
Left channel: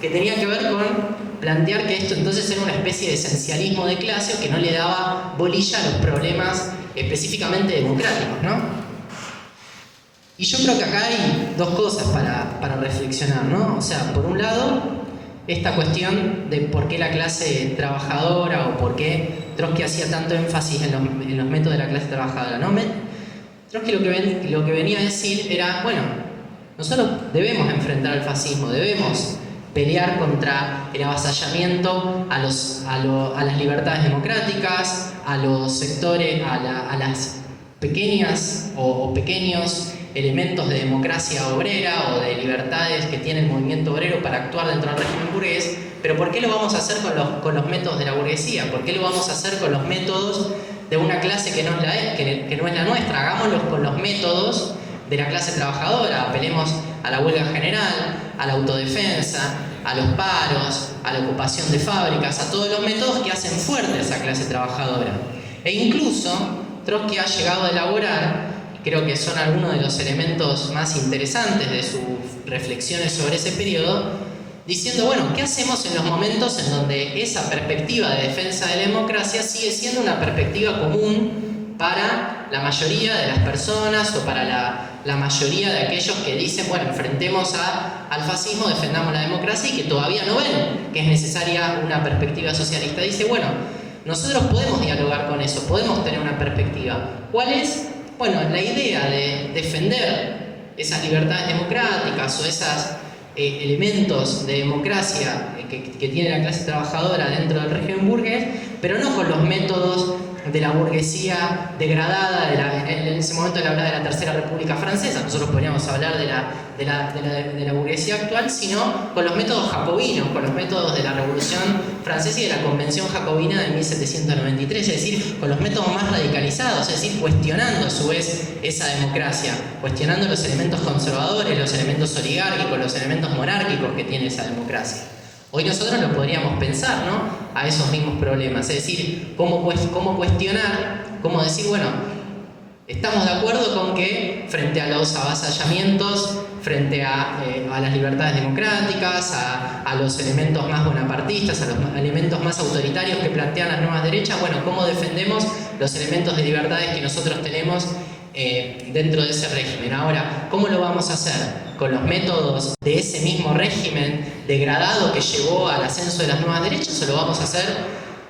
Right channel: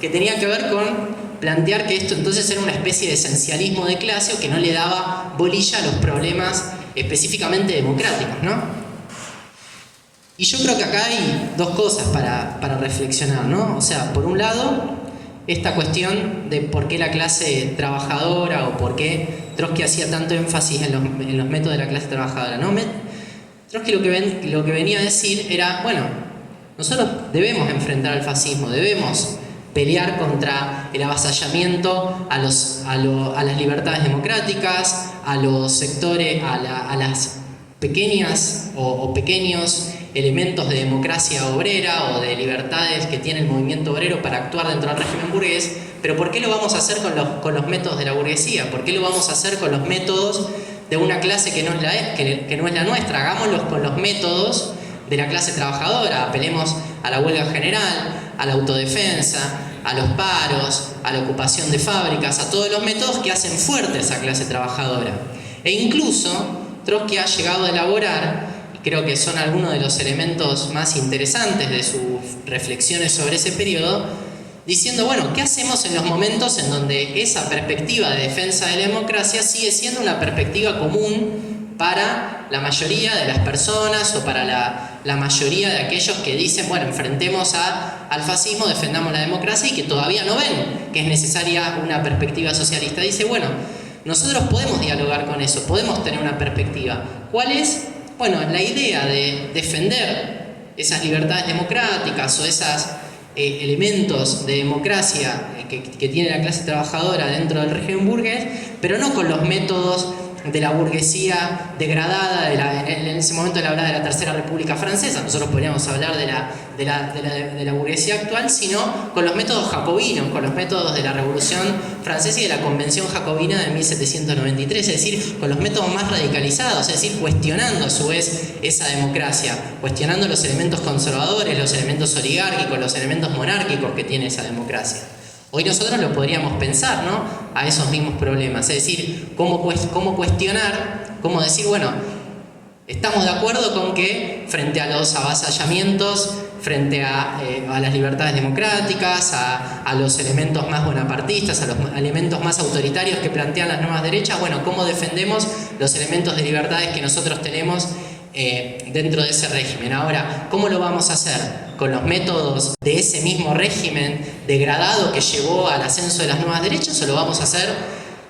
que tenían que ver con plantear que esto entonces era una especie de esencialismo de clase o que no le daba bolilla a los problemas específicamente democráticos, ¿no? Y yo creo que acá hay dos cosas para reflexionar, ¿no? O sea, por un lado, esta cuestión de por qué la clase trabajadora o por qué Trotsky hacía tanto énfasis en los métodos de la clase trabajadora, ¿no? Trotsky lo que venía a decir era, bueno, nosotros debemos enfrentar al fascismo, debemos pelear contra el avasallamiento a las libertades democráticas, a los sectores, a las pequeñas o pequeños elementos de democracia obrera o de libertades que tiene el movimiento obrero para actuar dentro del régimen burgués, pero ¿por qué lo vamos a hacer con los métodos de la burguesía? ¿Por qué lo vamos a hacer con los métodos de una clase que no es la nuestra? Hagámoslo con los métodos de la clase trabajadora, apelemos a la huelga general, a la autodefensa, a los paros, a la ocupación de fábricas, a todos los métodos que hacen fuerte a esa clase trabajadora. E incluso Trotsky ha llegado a elaborar, creo que son algunos de los elementos más interesantes de sus reflexiones sobre ese periodo, diciendo, bueno, ¿qué hacemos en los momentos en donde esa perspectiva de defensa de la democracia sigue siendo una perspectiva común para la mayoría de las personas o para la mayoría de aquellos que dicen, bueno, enfrentemos al fascismo, defendamos la democracia y que todavía no ven que es necesaria una perspectiva socialista? Dice, bueno, nosotros podemos dialogar con eso, podemos tener una perspectiva. ¿Cuál es? Bueno, la idea de defender esas libertades democráticas o esos elementos de democracia que tiene la clase trabajadora dentro del régimen burgués, pero no con los métodos de la burguesía degradada, en ese momento él hablaba de la Tercera República Francesa, nosotros podríamos hablar de la burguesía actual, sino con los métodos jacobinos, con los métodos de la Revolución Francesa y de la Convención Jacobina de 1793, es decir, con los métodos más radicalizados, es decir, cuestionando a su vez esa democracia, cuestionando los elementos conservadores, los elementos oligárquicos, los elementos monárquicos que tiene esa democracia. Hoy nosotros lo podríamos pensar, ¿no?, a esos mismos problemas, es decir, cómo cuestionar, cómo decir, bueno, estamos de acuerdo con que frente a los avasallamientos, frente a las libertades democráticas, a los elementos más bonapartistas, a los elementos más autoritarios que plantean las nuevas derechas, bueno, cómo defendemos los elementos de libertades que nosotros tenemos dentro de ese régimen. Ahora, ¿cómo lo vamos a hacer? ¿Con los métodos de ese mismo régimen degradado que llevó al ascenso de las nuevas derechas, o lo vamos a hacer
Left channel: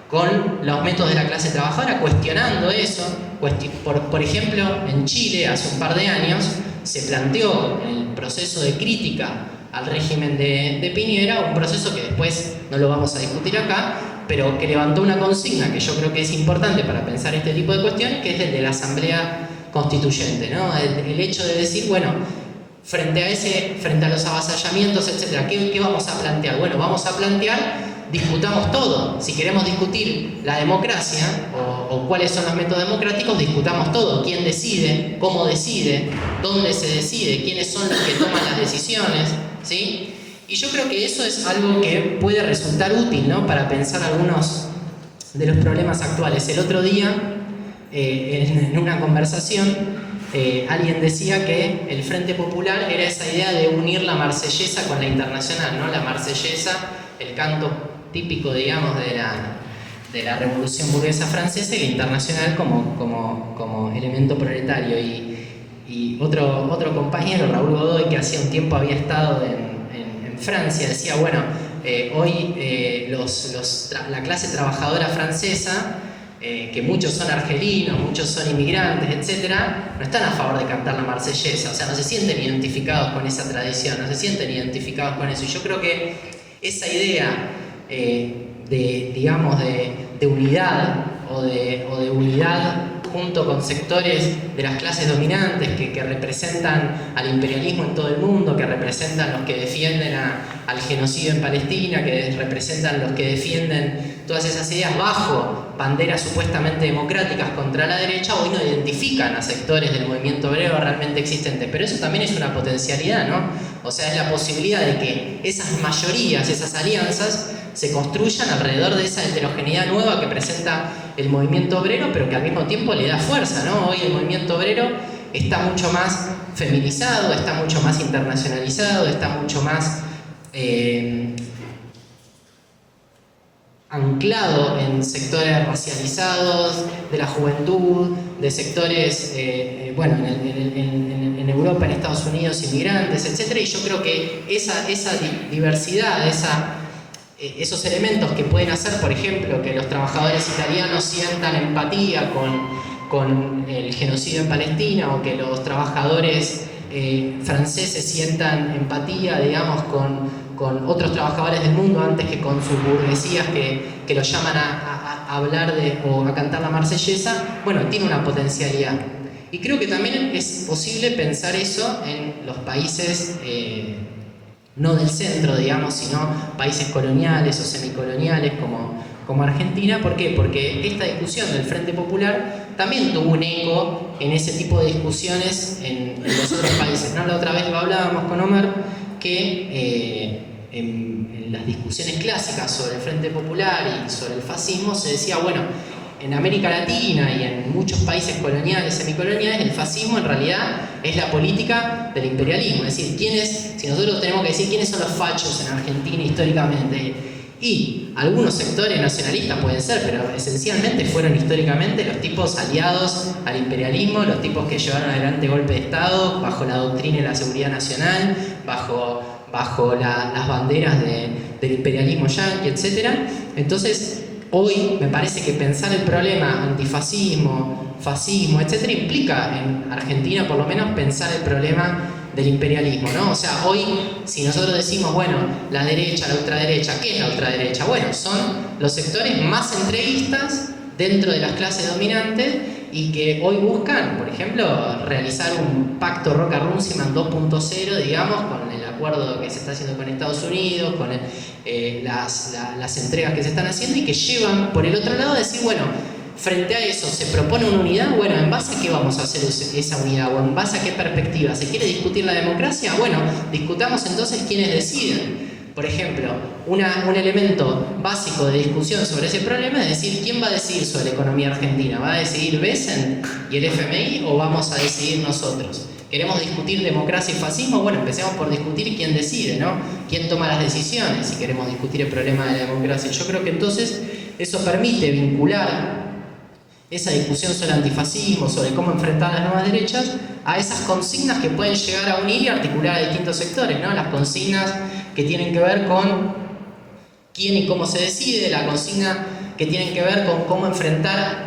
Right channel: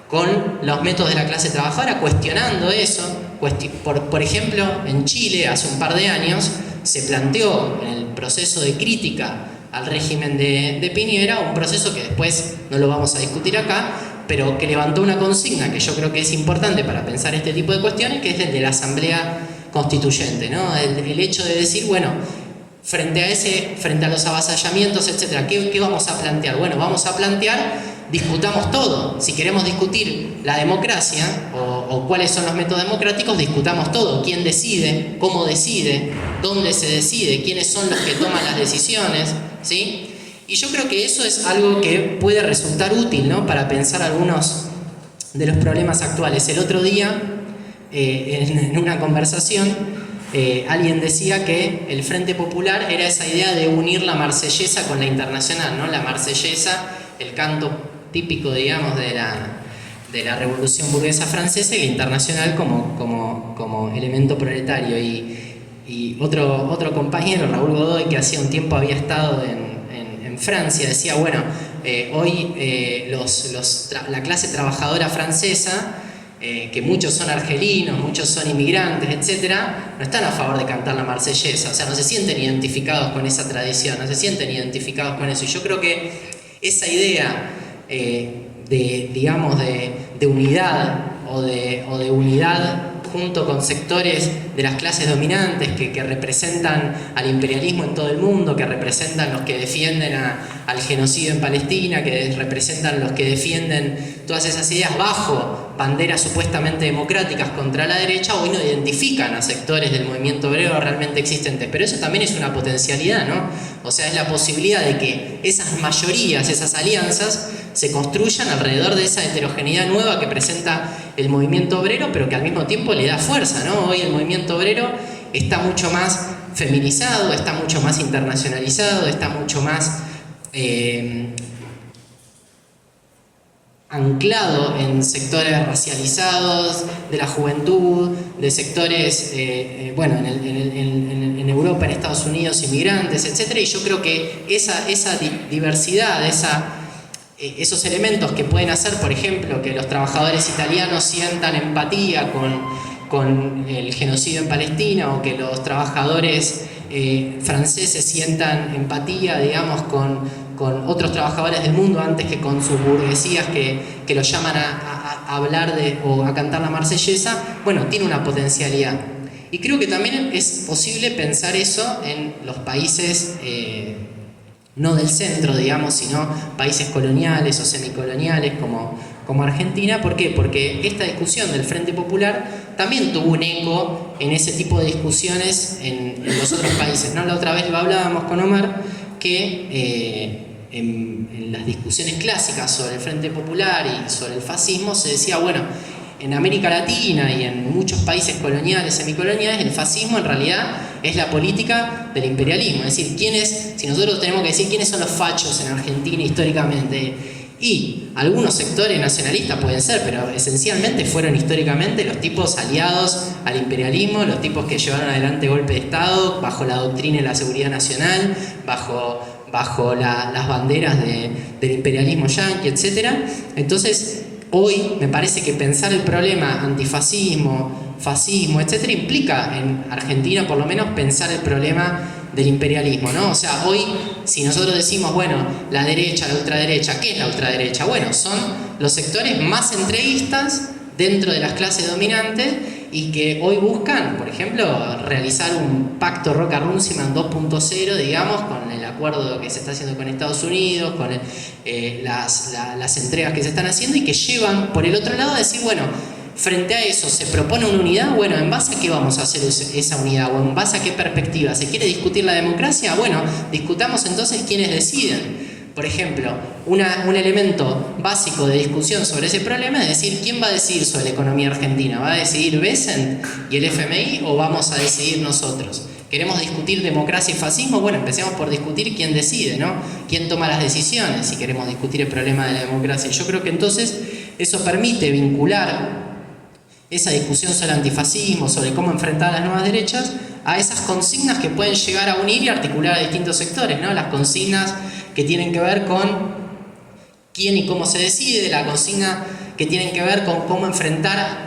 con los métodos de la clase trabajadora, cuestionando eso? Por ejemplo, en Chile, hace un par de años, se planteó en el proceso de crítica al régimen de Piñera, un proceso que después no lo vamos a discutir acá, pero que levantó una consigna que yo creo que es importante para pensar este tipo de cuestiones, que es el de la Asamblea constituyente, ¿no? El hecho de decir, bueno, frente a los avasallamientos, etcétera, ¿qué vamos a plantear? Bueno, vamos a plantear, discutamos todo. Si queremos discutir la democracia o cuáles son los métodos democráticos, discutamos todo. ¿Quién decide? ¿Cómo decide? ¿Dónde se decide? ¿Quiénes son los que toman las decisiones? ¿Sí? Y yo creo que eso es algo que puede resultar útil, ¿no? Para pensar algunos de los problemas actuales. El otro día, en una conversación, alguien decía que el Frente Popular era esa idea de unir la marsellesa con la internacional, ¿no? La marsellesa, el canto típico, digamos, de la revolución burguesa francesa, y la internacional como elemento proletario. Y otro compañero, Raúl Godoy, que hacía un tiempo había estado en Francia, decía, bueno, hoy la clase trabajadora francesa, que muchos son argelinos, muchos son inmigrantes, etcétera, no están a favor de cantar la marsellesa, o sea, no se sienten identificados con esa tradición, no se sienten identificados con eso. Y yo creo que esa idea de unidad o de unidad junto con sectores de las clases dominantes que representan al imperialismo en todo el mundo, que representan los que defienden al genocidio en Palestina, que representan los que defienden todas esas ideas bajo banderas supuestamente democráticas contra la derecha, hoy no identifican a sectores del movimiento obrero realmente existentes. Pero eso también es una potencialidad, ¿no? O sea, es la posibilidad de que esas mayorías, esas alianzas, se construyan alrededor de esa heterogeneidad nueva que presenta el movimiento obrero, pero que al mismo tiempo le da fuerza, ¿no? Hoy el movimiento obrero está mucho más feminizado, está mucho más internacionalizado, está mucho más anclado en sectores racializados, de la juventud, de sectores, en Europa, en Estados Unidos, inmigrantes, etc. Y yo creo que esa diversidad, esos elementos que pueden hacer, por ejemplo, que los trabajadores italianos sientan empatía con el genocidio en Palestina, o que los trabajadores franceses sientan empatía, digamos, con otros trabajadores del mundo antes que con sus burguesías que los llaman a hablar o a cantar la marsellesa, bueno, tiene una potencialidad. Y creo que también es posible pensar eso en los países no del centro, digamos, sino países coloniales o semicoloniales como Argentina. ¿Por qué? Porque esta discusión del Frente Popular también tuvo un eco en ese tipo de discusiones en los otros países, ¿no? La otra vez lo hablábamos con Omar, que en las discusiones clásicas sobre el Frente Popular y sobre el fascismo se decía, bueno, en América Latina y en muchos países coloniales, semicoloniales, el fascismo en realidad es la política del imperialismo. Es decir, si nosotros tenemos que decir quiénes son los fachos en Argentina históricamente, y algunos sectores nacionalistas pueden ser, pero esencialmente fueron históricamente los tipos aliados al imperialismo, los tipos que llevaron adelante golpe de Estado bajo la doctrina de la seguridad nacional, bajo las banderas del imperialismo yanqui, etc. Entonces, hoy me parece que pensar el problema antifascismo, fascismo, etc., implica en Argentina por lo menos pensar el problema del imperialismo, ¿no? O sea, hoy, si nosotros decimos, bueno, la derecha, la ultraderecha, ¿qué es la ultraderecha? Bueno, son los sectores más entreguistas dentro de las clases dominantes y que hoy buscan, por ejemplo, realizar un pacto Roca-Runciman 2.0, digamos, con el acuerdo que se está haciendo con Estados Unidos, con las entregas que se están haciendo, y que llevan por el otro lado a decir, bueno, frente a eso se propone una unidad, bueno, ¿en base a qué vamos a hacer esa unidad? ¿O en base a qué perspectiva? ¿Se quiere discutir la democracia? Bueno, discutamos entonces quiénes deciden. Por ejemplo, un elemento básico de discusión sobre ese problema es decir, ¿quién va a decidir sobre la economía argentina? ¿Va a decidir Bessent y el FMI o vamos a decidir nosotros? ¿Queremos discutir democracia y fascismo? Bueno, empecemos por discutir quién decide, ¿no? ¿Quién toma las decisiones si queremos discutir el problema de la democracia? Yo creo que entonces eso permite vincular esa discusión sobre antifascismo, sobre cómo enfrentar a las nuevas derechas, a esas consignas que pueden llegar a unir y articular a distintos sectores, ¿no? Las consignas que tienen que ver con quién y cómo se decide, la consigna que tienen que ver con cómo enfrentar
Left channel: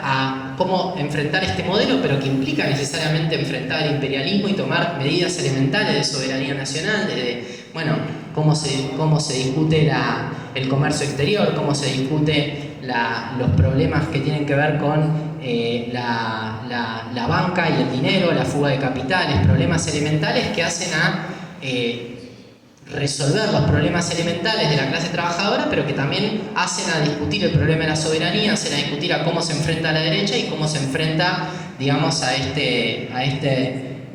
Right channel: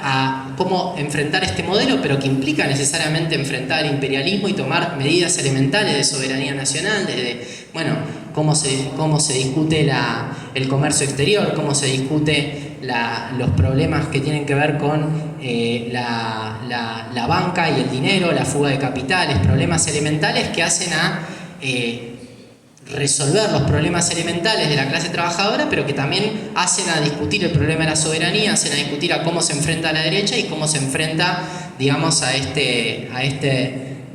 este modelo, pero que implica necesariamente enfrentar el imperialismo y tomar medidas elementales de soberanía nacional, desde, bueno, cómo se discute el comercio exterior, cómo se discute los problemas que tienen que ver con la la banca y el dinero, la fuga de capitales, problemas elementales que hacen a resolver los problemas elementales de la clase trabajadora, pero que también hacen a discutir el problema de la soberanía, hacen a discutir a cómo se enfrenta a la derecha y cómo se enfrenta, digamos, a este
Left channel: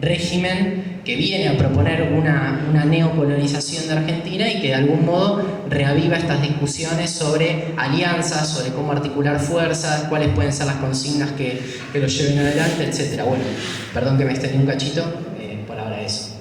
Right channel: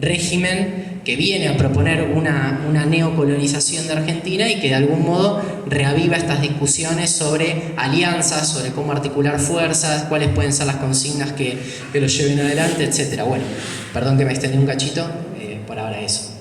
régimen que viene a proponer una neocolonización de Argentina y que de algún modo reaviva estas discusiones sobre alianzas, sobre cómo articular fuerzas, cuáles pueden ser las consignas que lo lleven adelante, etc. Bueno, perdón que me extendí un cachito, por ahora eso.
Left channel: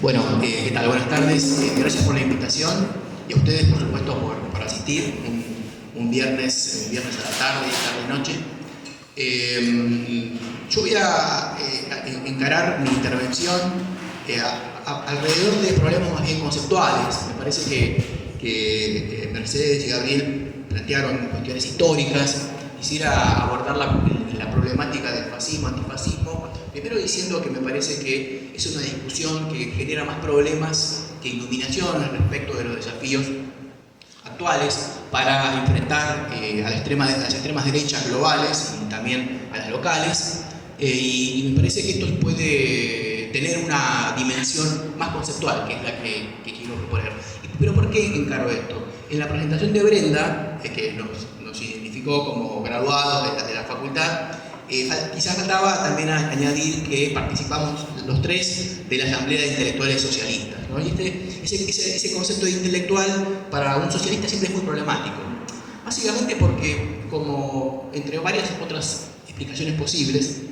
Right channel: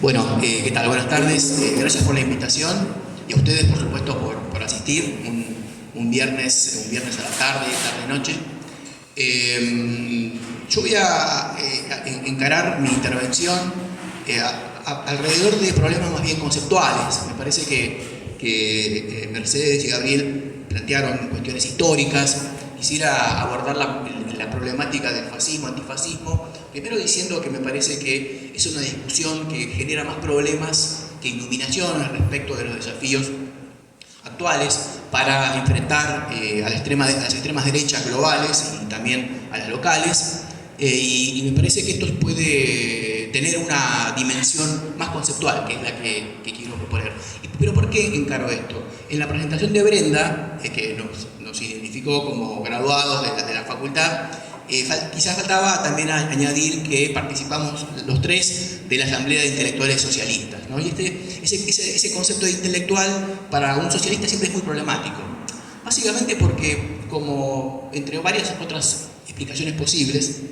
Bueno, ¿qué tal? Buenas tardes. Gracias por la invitación y a ustedes, por supuesto, por asistir un viernes a la tarde-noche. Yo voy a encarar mi intervención alrededor de problemas más bien conceptuales. Me parece que Mercedes y Gabriel plantearon cuestiones históricas. Quisiera abordar la problemática del fascismo, antifascismo, primero diciendo que me parece que es una discusión que genera más problemas que iluminación respecto de los desafíos actuales para enfrentar a las extremas derechas globales y también a las locales, y me parece que esto puede tener una dimensión más conceptual, que es la que quiero proponer. ¿Pero por qué encaro esto? En la presentación de Brenda, que nos identificó como graduados de la facultad, quizás faltaba también añadir que participamos los tres de la Asamblea de Intelectuales Socialistas, ¿no? Y ese concepto de intelectual para un socialista siempre es muy problemático. Básicamente porque, como entre varias otras explicaciones posibles,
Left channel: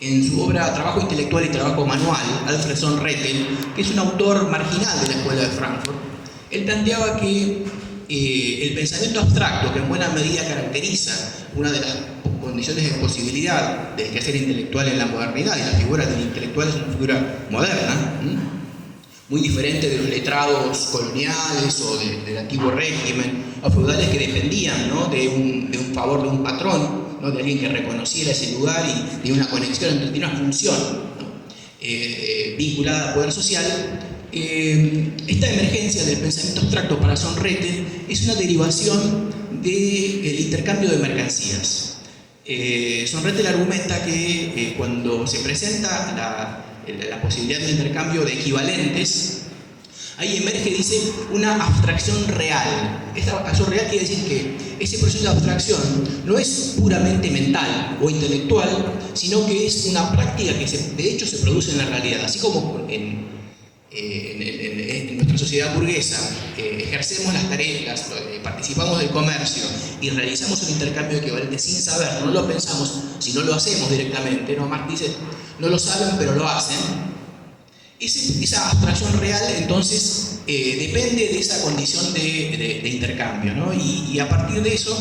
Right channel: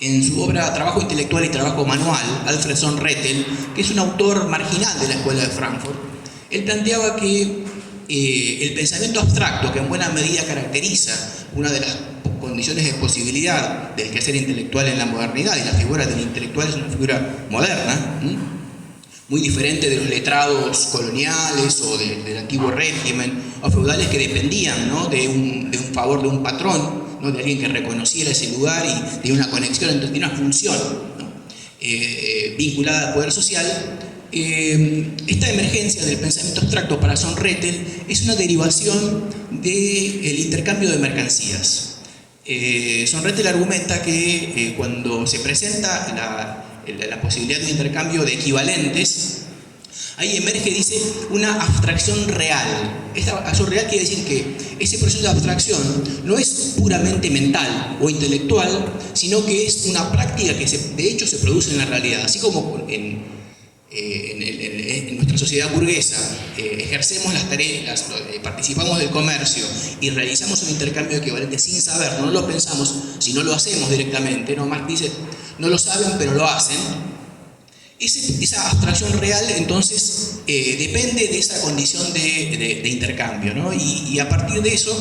en su obra Trabajo intelectual y trabajo manual, Alfred von Rettel, que es un autor marginal de la Escuela de Frankfurt, él planteaba que el pensamiento abstracto, que en buena medida caracteriza una de las condiciones de posibilidad del quehacer intelectual en la modernidad, y la figura del intelectual es una figura moderna, muy diferente de los letrados coloniales o del antiguo régimen, o feudales que dependían, ¿no?, de un favor de un patrón, ¿no?, de alguien que reconociera ese lugar y de una conexión, de una función, ¿no?, vinculada al poder social. Esta emergencia del pensamiento abstracto para von Rettel es una derivación del intercambio de mercancías. Von Rettel argumenta que cuando se presenta la posibilidad de un intercambio de equivalentes, ahí emerge, dice, una abstracción real. Esta abstracción real quiere decir que ese proceso de abstracción no es puramente mental o intelectual, sino que es una práctica que de hecho se produce en la realidad. Así como en nuestra sociedad burguesa ejercemos las tareas, participamos del comercio y realizamos un intercambio equivalente sin saber, no lo pensamos, sino lo hacemos directamente, ¿no? Marx dice, no lo saben pero lo hacen. Esa abstracción real entonces depende de esa condición de intercambio, ¿no? Y a partir de eso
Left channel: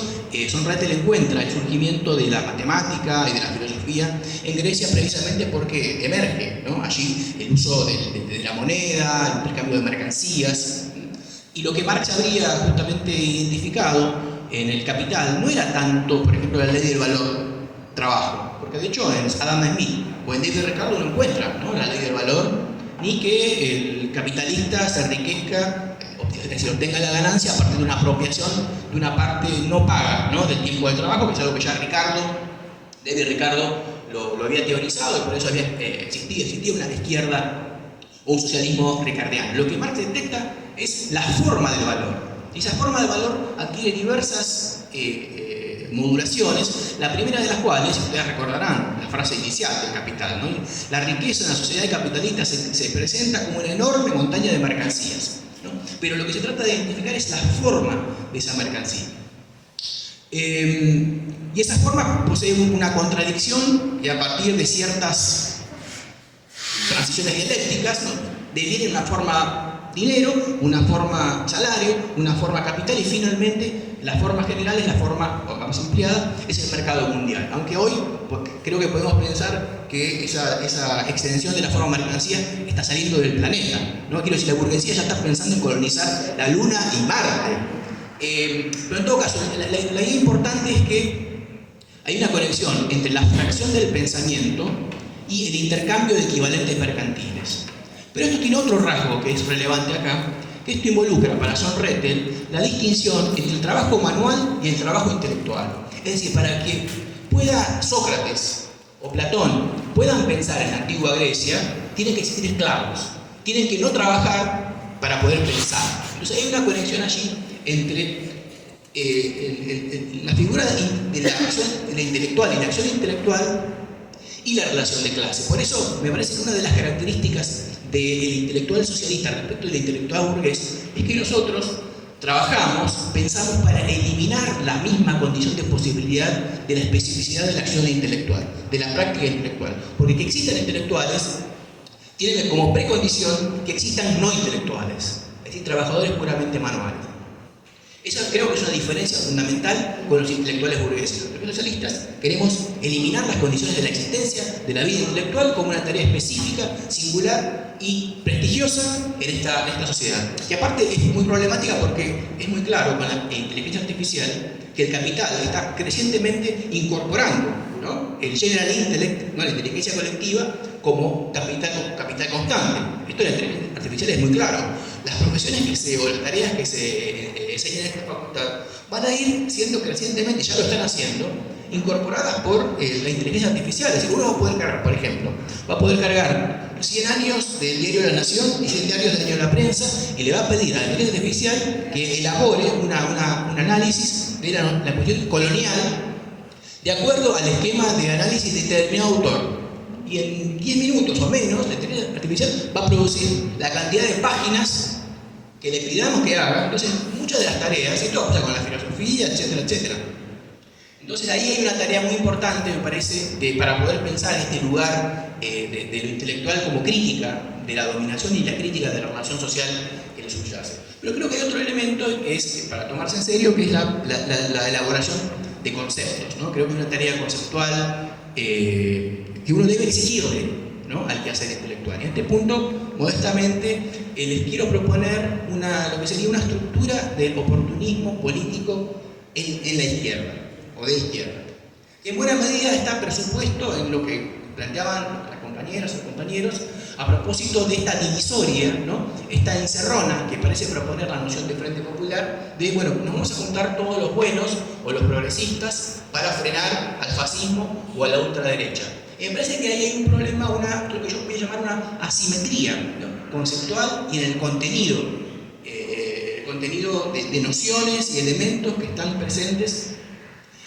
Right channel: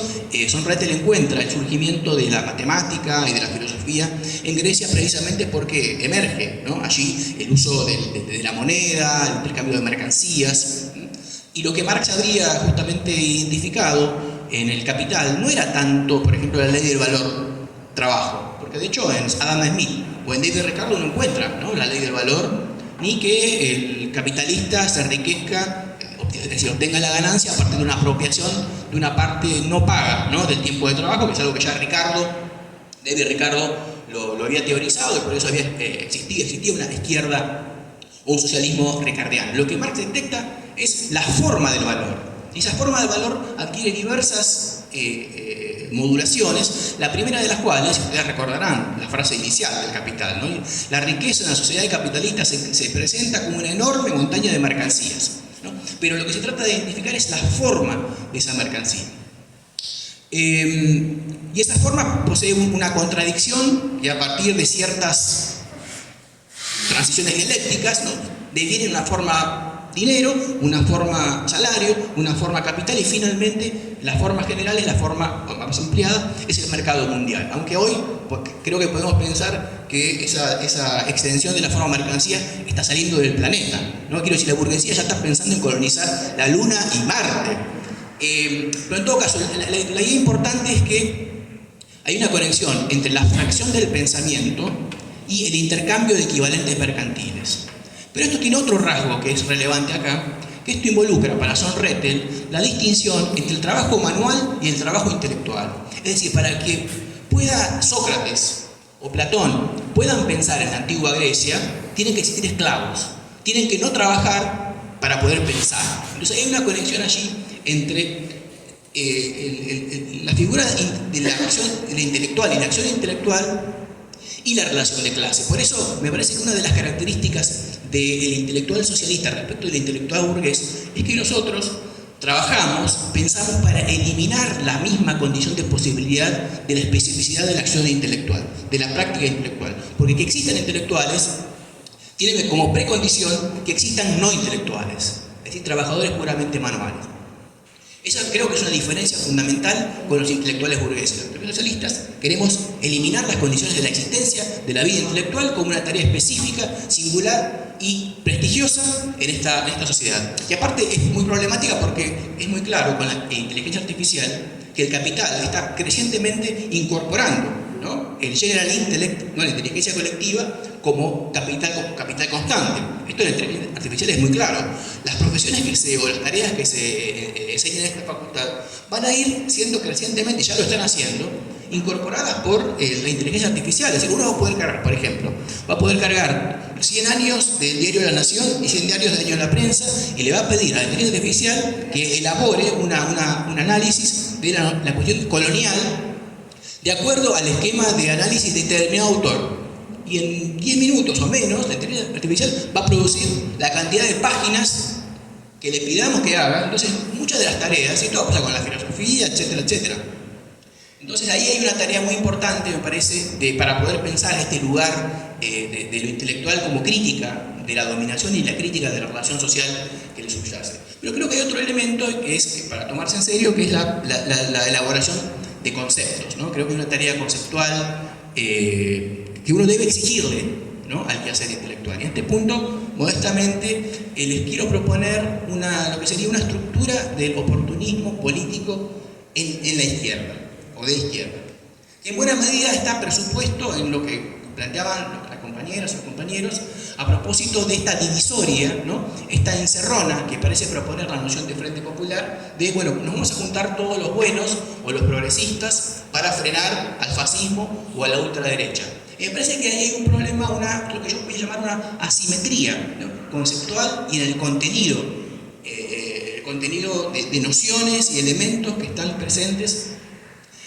von Rettel encuentra el surgimiento de la matemática y de la filosofía en Grecia, precisamente porque emerge, ¿no?, allí el uso de la moneda, el intercambio de mercancías, y lo que Marx habría justamente identificado en el Capital no era tanto, por ejemplo, la ley del valor trabajo, porque de hecho en Adam Smith o en David Ricardo uno encuentra, ¿no?, la ley del valor, ni que el capitalista se enriquezca, es decir, obtenga la ganancia a partir de una apropiación de una parte no paga, ¿no?, del tiempo de trabajo, que es algo que ya David Ricardo lo había teorizado, y por eso existía una izquierda o un socialismo ricardiano. Lo que Marx detecta es la forma del valor. Y esa forma del valor adquiere diversas modulaciones, la primera de las cuales, ustedes recordarán la frase inicial del Capital, ¿no?, la riqueza en la sociedad capitalista se presenta como una enorme montaña de mercancías, ¿no?, pero lo que se trata de identificar es la forma de esa mercancía. Y esa forma posee una contradicción que a partir de ciertas transiciones dialécticas, ¿no?, deviene en una forma dinero, una forma salario, una forma capital, y finalmente la forma general es la forma más ampliada, es el mercado mundial. Aunque hoy creo que podemos pensar que esa extensión de la forma mercancía está saliendo del planeta, ¿no? Quiero decir, la burguesía ya está pensando en colonizar la Luna y Marte. Pero en todo caso, la idea importante es que hay una conexión entre la abstracción del pensamiento y el intercambio de equivalentes mercantiles. Pero esto tiene otro rasgo que es relevante acá, que esto involucra para Sonrettel la distinción entre el trabajo manual y el trabajo intelectual. Es decir, para que pueda Sócrates o Platón puedan pensar en la antigua Grecia, tienen que existir esclavos, tienen que no trabajar para poder pensar. Entonces hay una conexión allí entre la figura de la acción de la intelectual y la acción intelectual y la relación de clase. Por eso me parece que una de las características del intelectual socialista respecto del intelectual burgués es que nosotros trabajamos, pensamos para eliminar la misma condición de posibilidad de la especificidad de la acción intelectual, de la práctica intelectual. Porque que existan intelectuales tiene como precondición que existan no intelectuales, es decir, trabajadores puramente manuales. Esa creo que es una diferencia fundamental con los intelectuales burgueses. Los socialistas queremos eliminar las condiciones de la existencia de la vida intelectual como una tarea específica, singular y prestigiosa en esta sociedad. Y aparte es muy problemática porque es muy claro con la inteligencia artificial que el capital está crecientemente incorporando, ¿no?, el general intellect, ¿no?, la inteligencia colectiva, como capital constante. Esto en la inteligencia artificial es muy claro. Las profesiones o las tareas que se enseñan en esta facultad van a ir siendo crecientemente, ya lo están haciendo, incorporadas por la inteligencia artificial. Es decir, uno va a poder cargar, por ejemplo, va a poder cargar 100 años del diario La Nación y 100 años del diario La Prensa y le va a pedir a la inteligencia artificial que elabore un análisis de la cuestión colonial de acuerdo al esquema de análisis de determinado autor. Y en 10 minutos o menos, la inteligencia artificial va a producir la cantidad de páginas que le pidamos que haga. Entonces, muchas de las tareas, y todo pasa con la filosofía, etcétera, etcétera. Entonces, ahí hay una tarea muy importante, me parece, para poder pensar este lugar de lo intelectual como crítica de la dominación y la crítica de la relación social que le subyace. Pero creo que hay otro elemento que es, para tomarse en serio, que es la elaboración de conceptos, ¿no? Creo que es una tarea conceptual que uno debe exigirle, ¿no?, al quehacer intelectual. Y en este punto, modestamente, les quiero proponer lo que sería una estructura del oportunismo político en la izquierda, o de izquierda, que en buena medida está presupuesto en lo que planteaban las compañeras o compañeros a propósito de esta divisoria, ¿no?, esta encerrona que parece proponer la noción de Frente Popular, de, bueno, nos vamos a juntar todos los buenos o los progresistas para frenar al fascismo o a la ultraderecha. Y me parece que ahí hay un problema, lo que yo voy a llamar una asimetría, ¿no?, conceptual y en el contenido de nociones y elementos que están presentes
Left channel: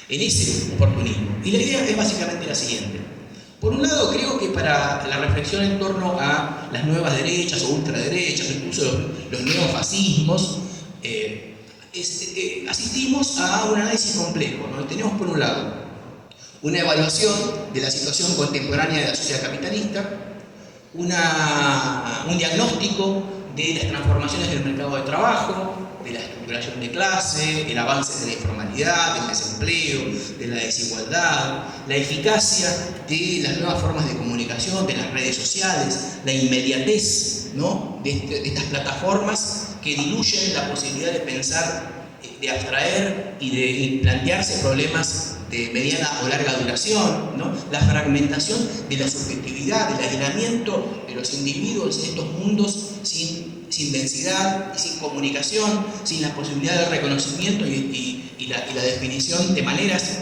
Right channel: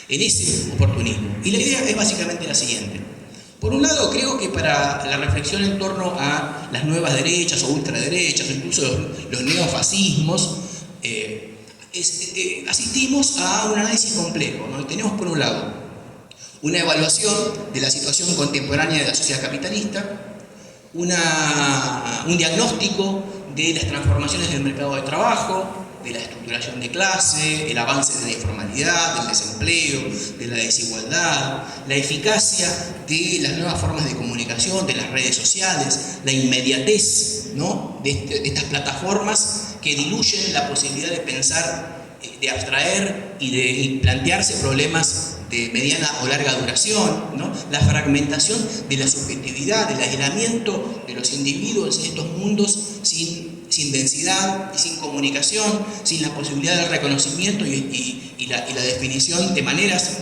en ese oportunismo. Y la idea es básicamente la siguiente. Por un lado, creo que para la reflexión en torno a las nuevas derechas o ultraderechas, o incluso los neofascismos, asistimos a un análisis complejo, ¿no? Tenemos por un lado una evaluación de la situación contemporánea de la sociedad capitalista, un diagnóstico de las transformaciones del mercado de trabajo, de la estructuración de clase, el avance de la informalidad, del desempleo, de la desigualdad, la eficacia de las nuevas formas de comunicación, de las redes sociales, la inmediatez, ¿no?, de estas plataformas que diluyen la posibilidad de pensar, de abstraer y de plantearse problemas de mediana o larga duración, ¿no?, la fragmentación de la subjetividad, del aislamiento de los individuos en estos mundos sin densidad y sin comunicación, sin la posibilidad del reconocimiento y la definición de maneras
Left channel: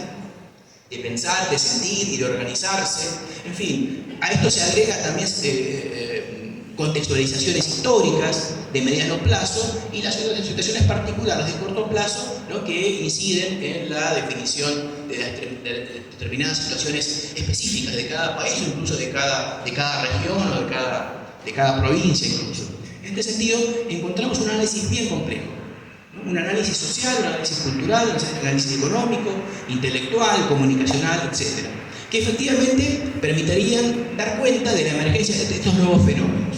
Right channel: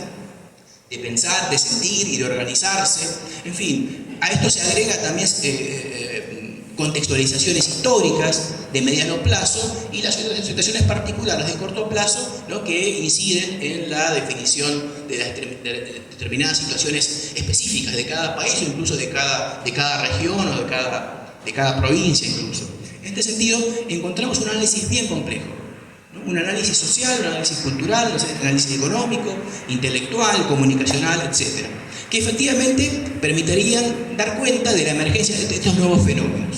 de pensar, de sentir y de organizarse. En fin, a esto se agrega también contextualizaciones históricas de mediano plazo y las situaciones particulares de corto plazo, ¿no?, que inciden en la definición de determinadas situaciones específicas de cada país o incluso de cada región o de cada provincia incluso. En este sentido, encontramos un análisis bien complejo, ¿no?, un análisis social, un análisis cultural, un análisis económico, intelectual, comunicacional, etc., que efectivamente permitirían dar cuenta de la emergencia de estos nuevos fenómenos,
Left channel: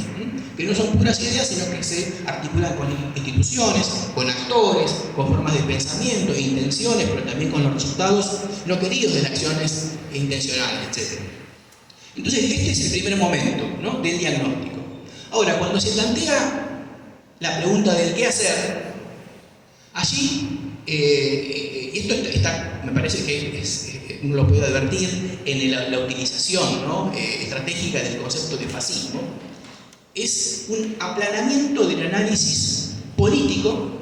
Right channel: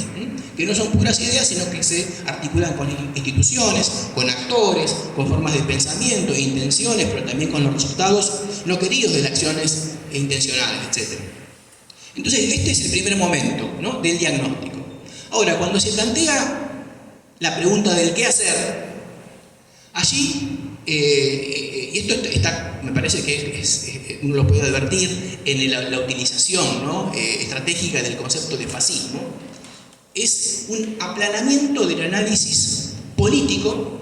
que no son puras ideas, sino que se articulan con instituciones, con actores, con formas de pensamiento e intenciones, pero también con los resultados no queridos de las acciones intencionales, etc. Entonces, este es el primer momento, ¿no?, del diagnóstico. Ahora, cuando se plantea la pregunta del qué hacer, Allí, y esto está, me parece que uno lo puede advertir en la utilización, ¿no?, estratégica del concepto de fascismo, es un aplanamiento del análisis político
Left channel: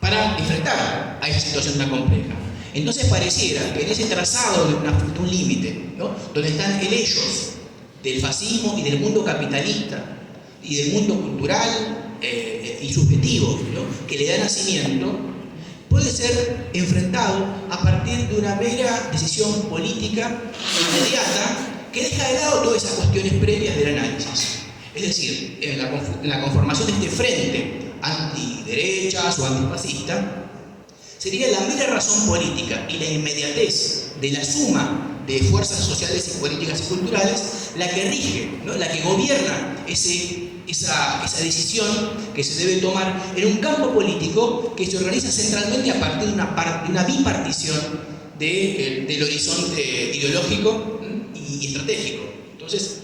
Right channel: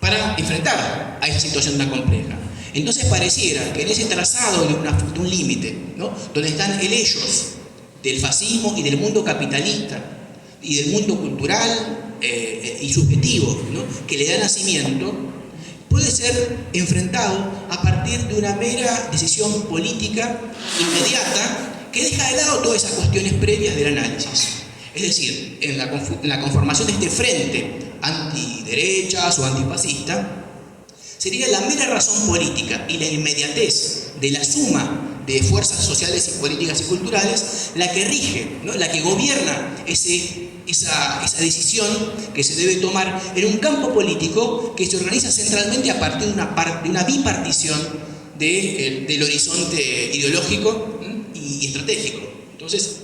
para enfrentar a esa situación tan compleja. Entonces pareciera que en ese trazado de un límite, ¿no?, donde están el ellos del fascismo y del mundo capitalista y del mundo cultural y subjetivo, ¿no?, que le da nacimiento, puede ser enfrentado a partir de una mera decisión política inmediata que deja de lado todas esas cuestiones previas del análisis. Es decir, en la conformación de este frente antiderechas o antifascista, sería la mera razón política y la inmediatez de la suma de fuerzas sociales y políticas y culturales la que rige, ¿no?, la que gobierna esa decisión que se debe tomar en un campo político que se organiza centralmente a partir de una bipartición del horizonte ideológico y estratégico. Entonces,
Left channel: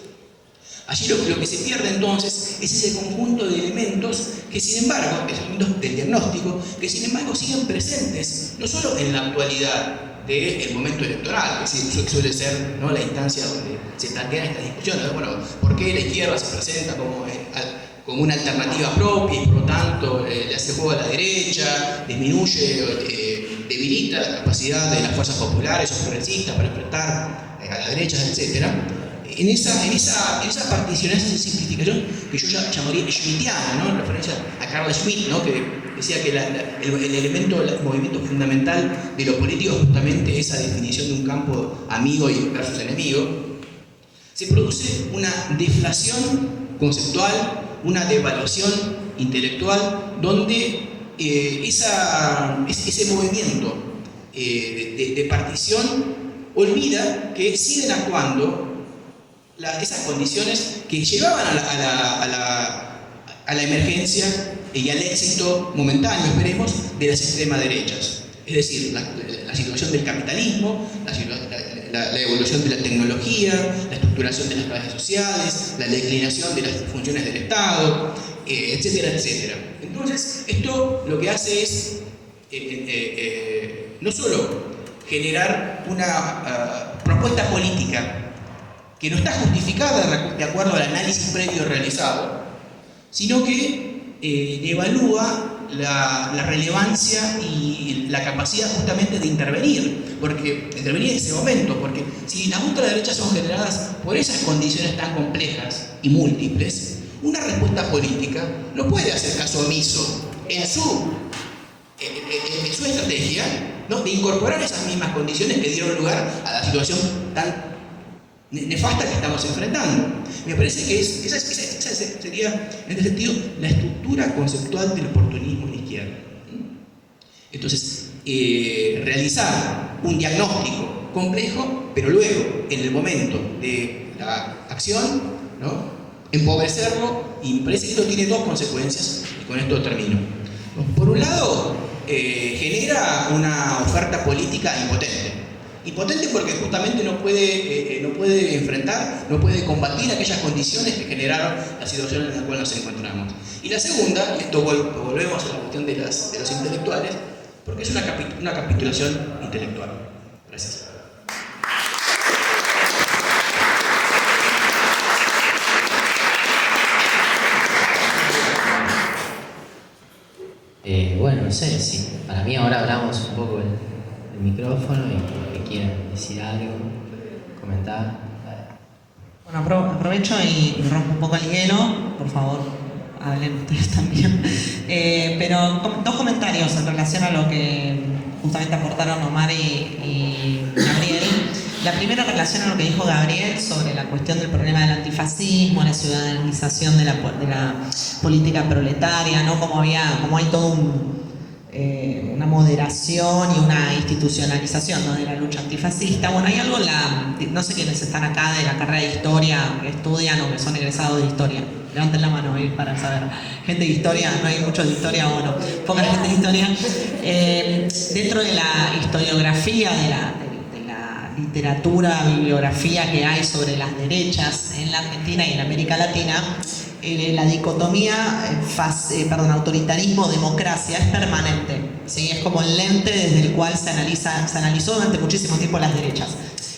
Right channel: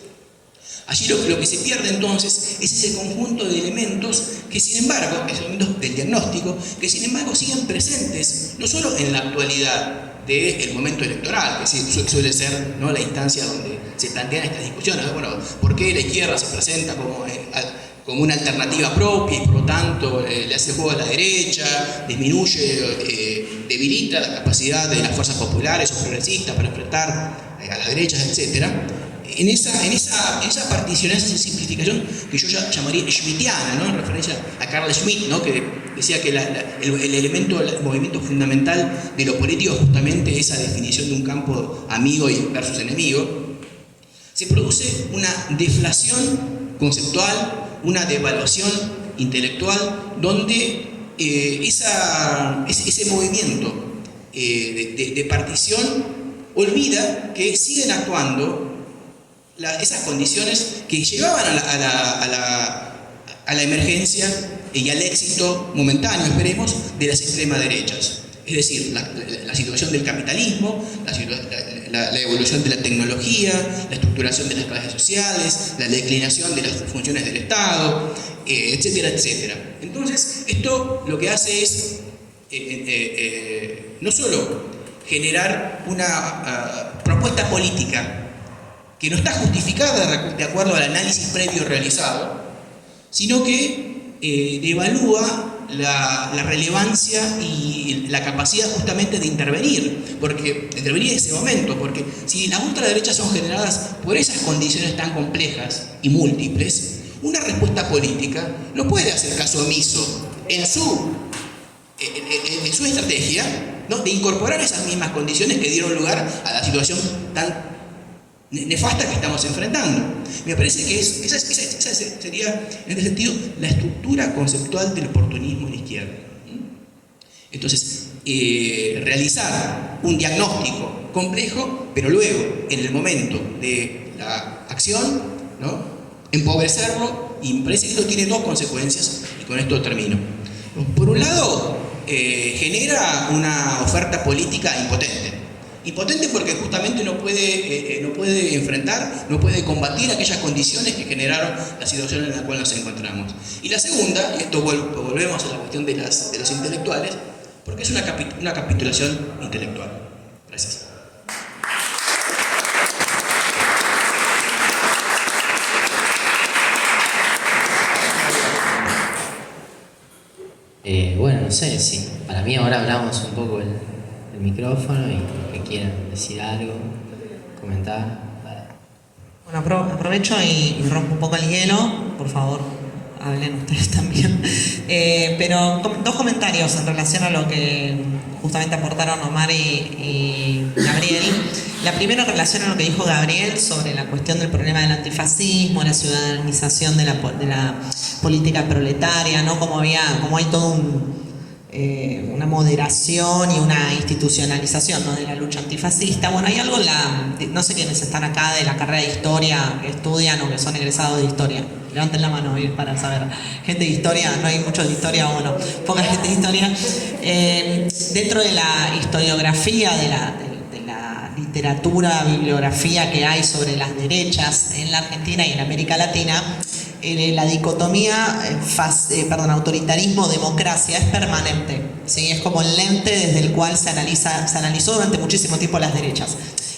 allí lo que se pierde entonces es ese conjunto de elementos que sin embargo, esos elementos del diagnóstico, que sin embargo siguen presentes, no solo en la actualidad del momento electoral, que suele ser, ¿no?, la instancia donde se plantean estas discusiones, bueno, ¿por qué la izquierda se presenta como una alternativa propia y por lo tanto le hace juego a la derecha, disminuye, debilita la capacidad de las fuerzas populares o progresistas para enfrentar a las derechas, etcétera? En esa partición, en esa simplificación que yo llamaría schmittiana, ¿no?, en referencia a Carl Schmitt, ¿no?, que decía que el movimiento fundamental de lo político es justamente esa definición de un campo amigo versus enemigo, se produce una deflación conceptual, una devaluación intelectual, donde ese movimiento de partición olvida que siguen actuando esas condiciones que llevaban a la emergencia y al éxito momentáneo, esperemos, de las extremas derechas. Es decir, la situación del capitalismo, la evolución de la tecnología, la estructuración de las clases sociales, la declinación de las funciones del Estado, etcétera, etcétera. Entonces, esto lo que hace es no solo generar una propuesta política que no está justificada de acuerdo al análisis previo realizado, sino que devalúa la relevancia y la capacidad justamente de intervenir en ese momento, porque si las ultraderechas son generadas por esas condiciones tan complejas y múltiples, una respuesta política no puede hacer caso omiso en su estrategia, ¿no?, de incorporar esas mismas condiciones que dieron lugar a la situación tan nefasta que estamos enfrentando. Me parece que esa sería, en este sentido, la estructura conceptual del oportunismo en la izquierda. Entonces, realizar un diagnóstico complejo, pero luego, en el momento de la acción, ¿no?, empobrecerlo, y me parece que esto tiene dos consecuencias, y con esto termino. Por un lado, genera una oferta política impotente. Impotente porque justamente no puede enfrentar, no puede combatir aquellas condiciones que generaron la situación en la cual nos encontramos. Y la segunda, y esto volvemos a la cuestión de los intelectuales, porque es una capitulación intelectual. Gracias. Bueno, no sé, sí. Para mí ahora hablamos un poco el micrófono y que quieran decir algo, comentar. Bueno, aprovecho y rompo un poco el hielo, por favor, hablen ustedes también. Pero dos comentarios en relación a lo que justamente aportaron Omar y Gabriel. La primera en relación a lo que dijo Gabriel sobre la cuestión del problema del antifascismo, la ciudadanización de la política proletaria, ¿no? Como hay todo una moderación y una institucionalización, ¿no?, de la lucha antifascista. Bueno, hay algo, no sé quiénes están acá de la carrera de historia, que estudian o que son egresados de historia. Levanten la mano para saber. Gente de historia, no hay muchos de historia o no, poca gente de historia. Dentro de la historiografía, de la literatura, bibliografía que hay sobre las derechas en la Argentina y en América Latina, la dicotomía autoritarismo-democracia es permanente, ¿sí? Es como el lente desde el cual se analizó durante muchísimo tiempo las derechas.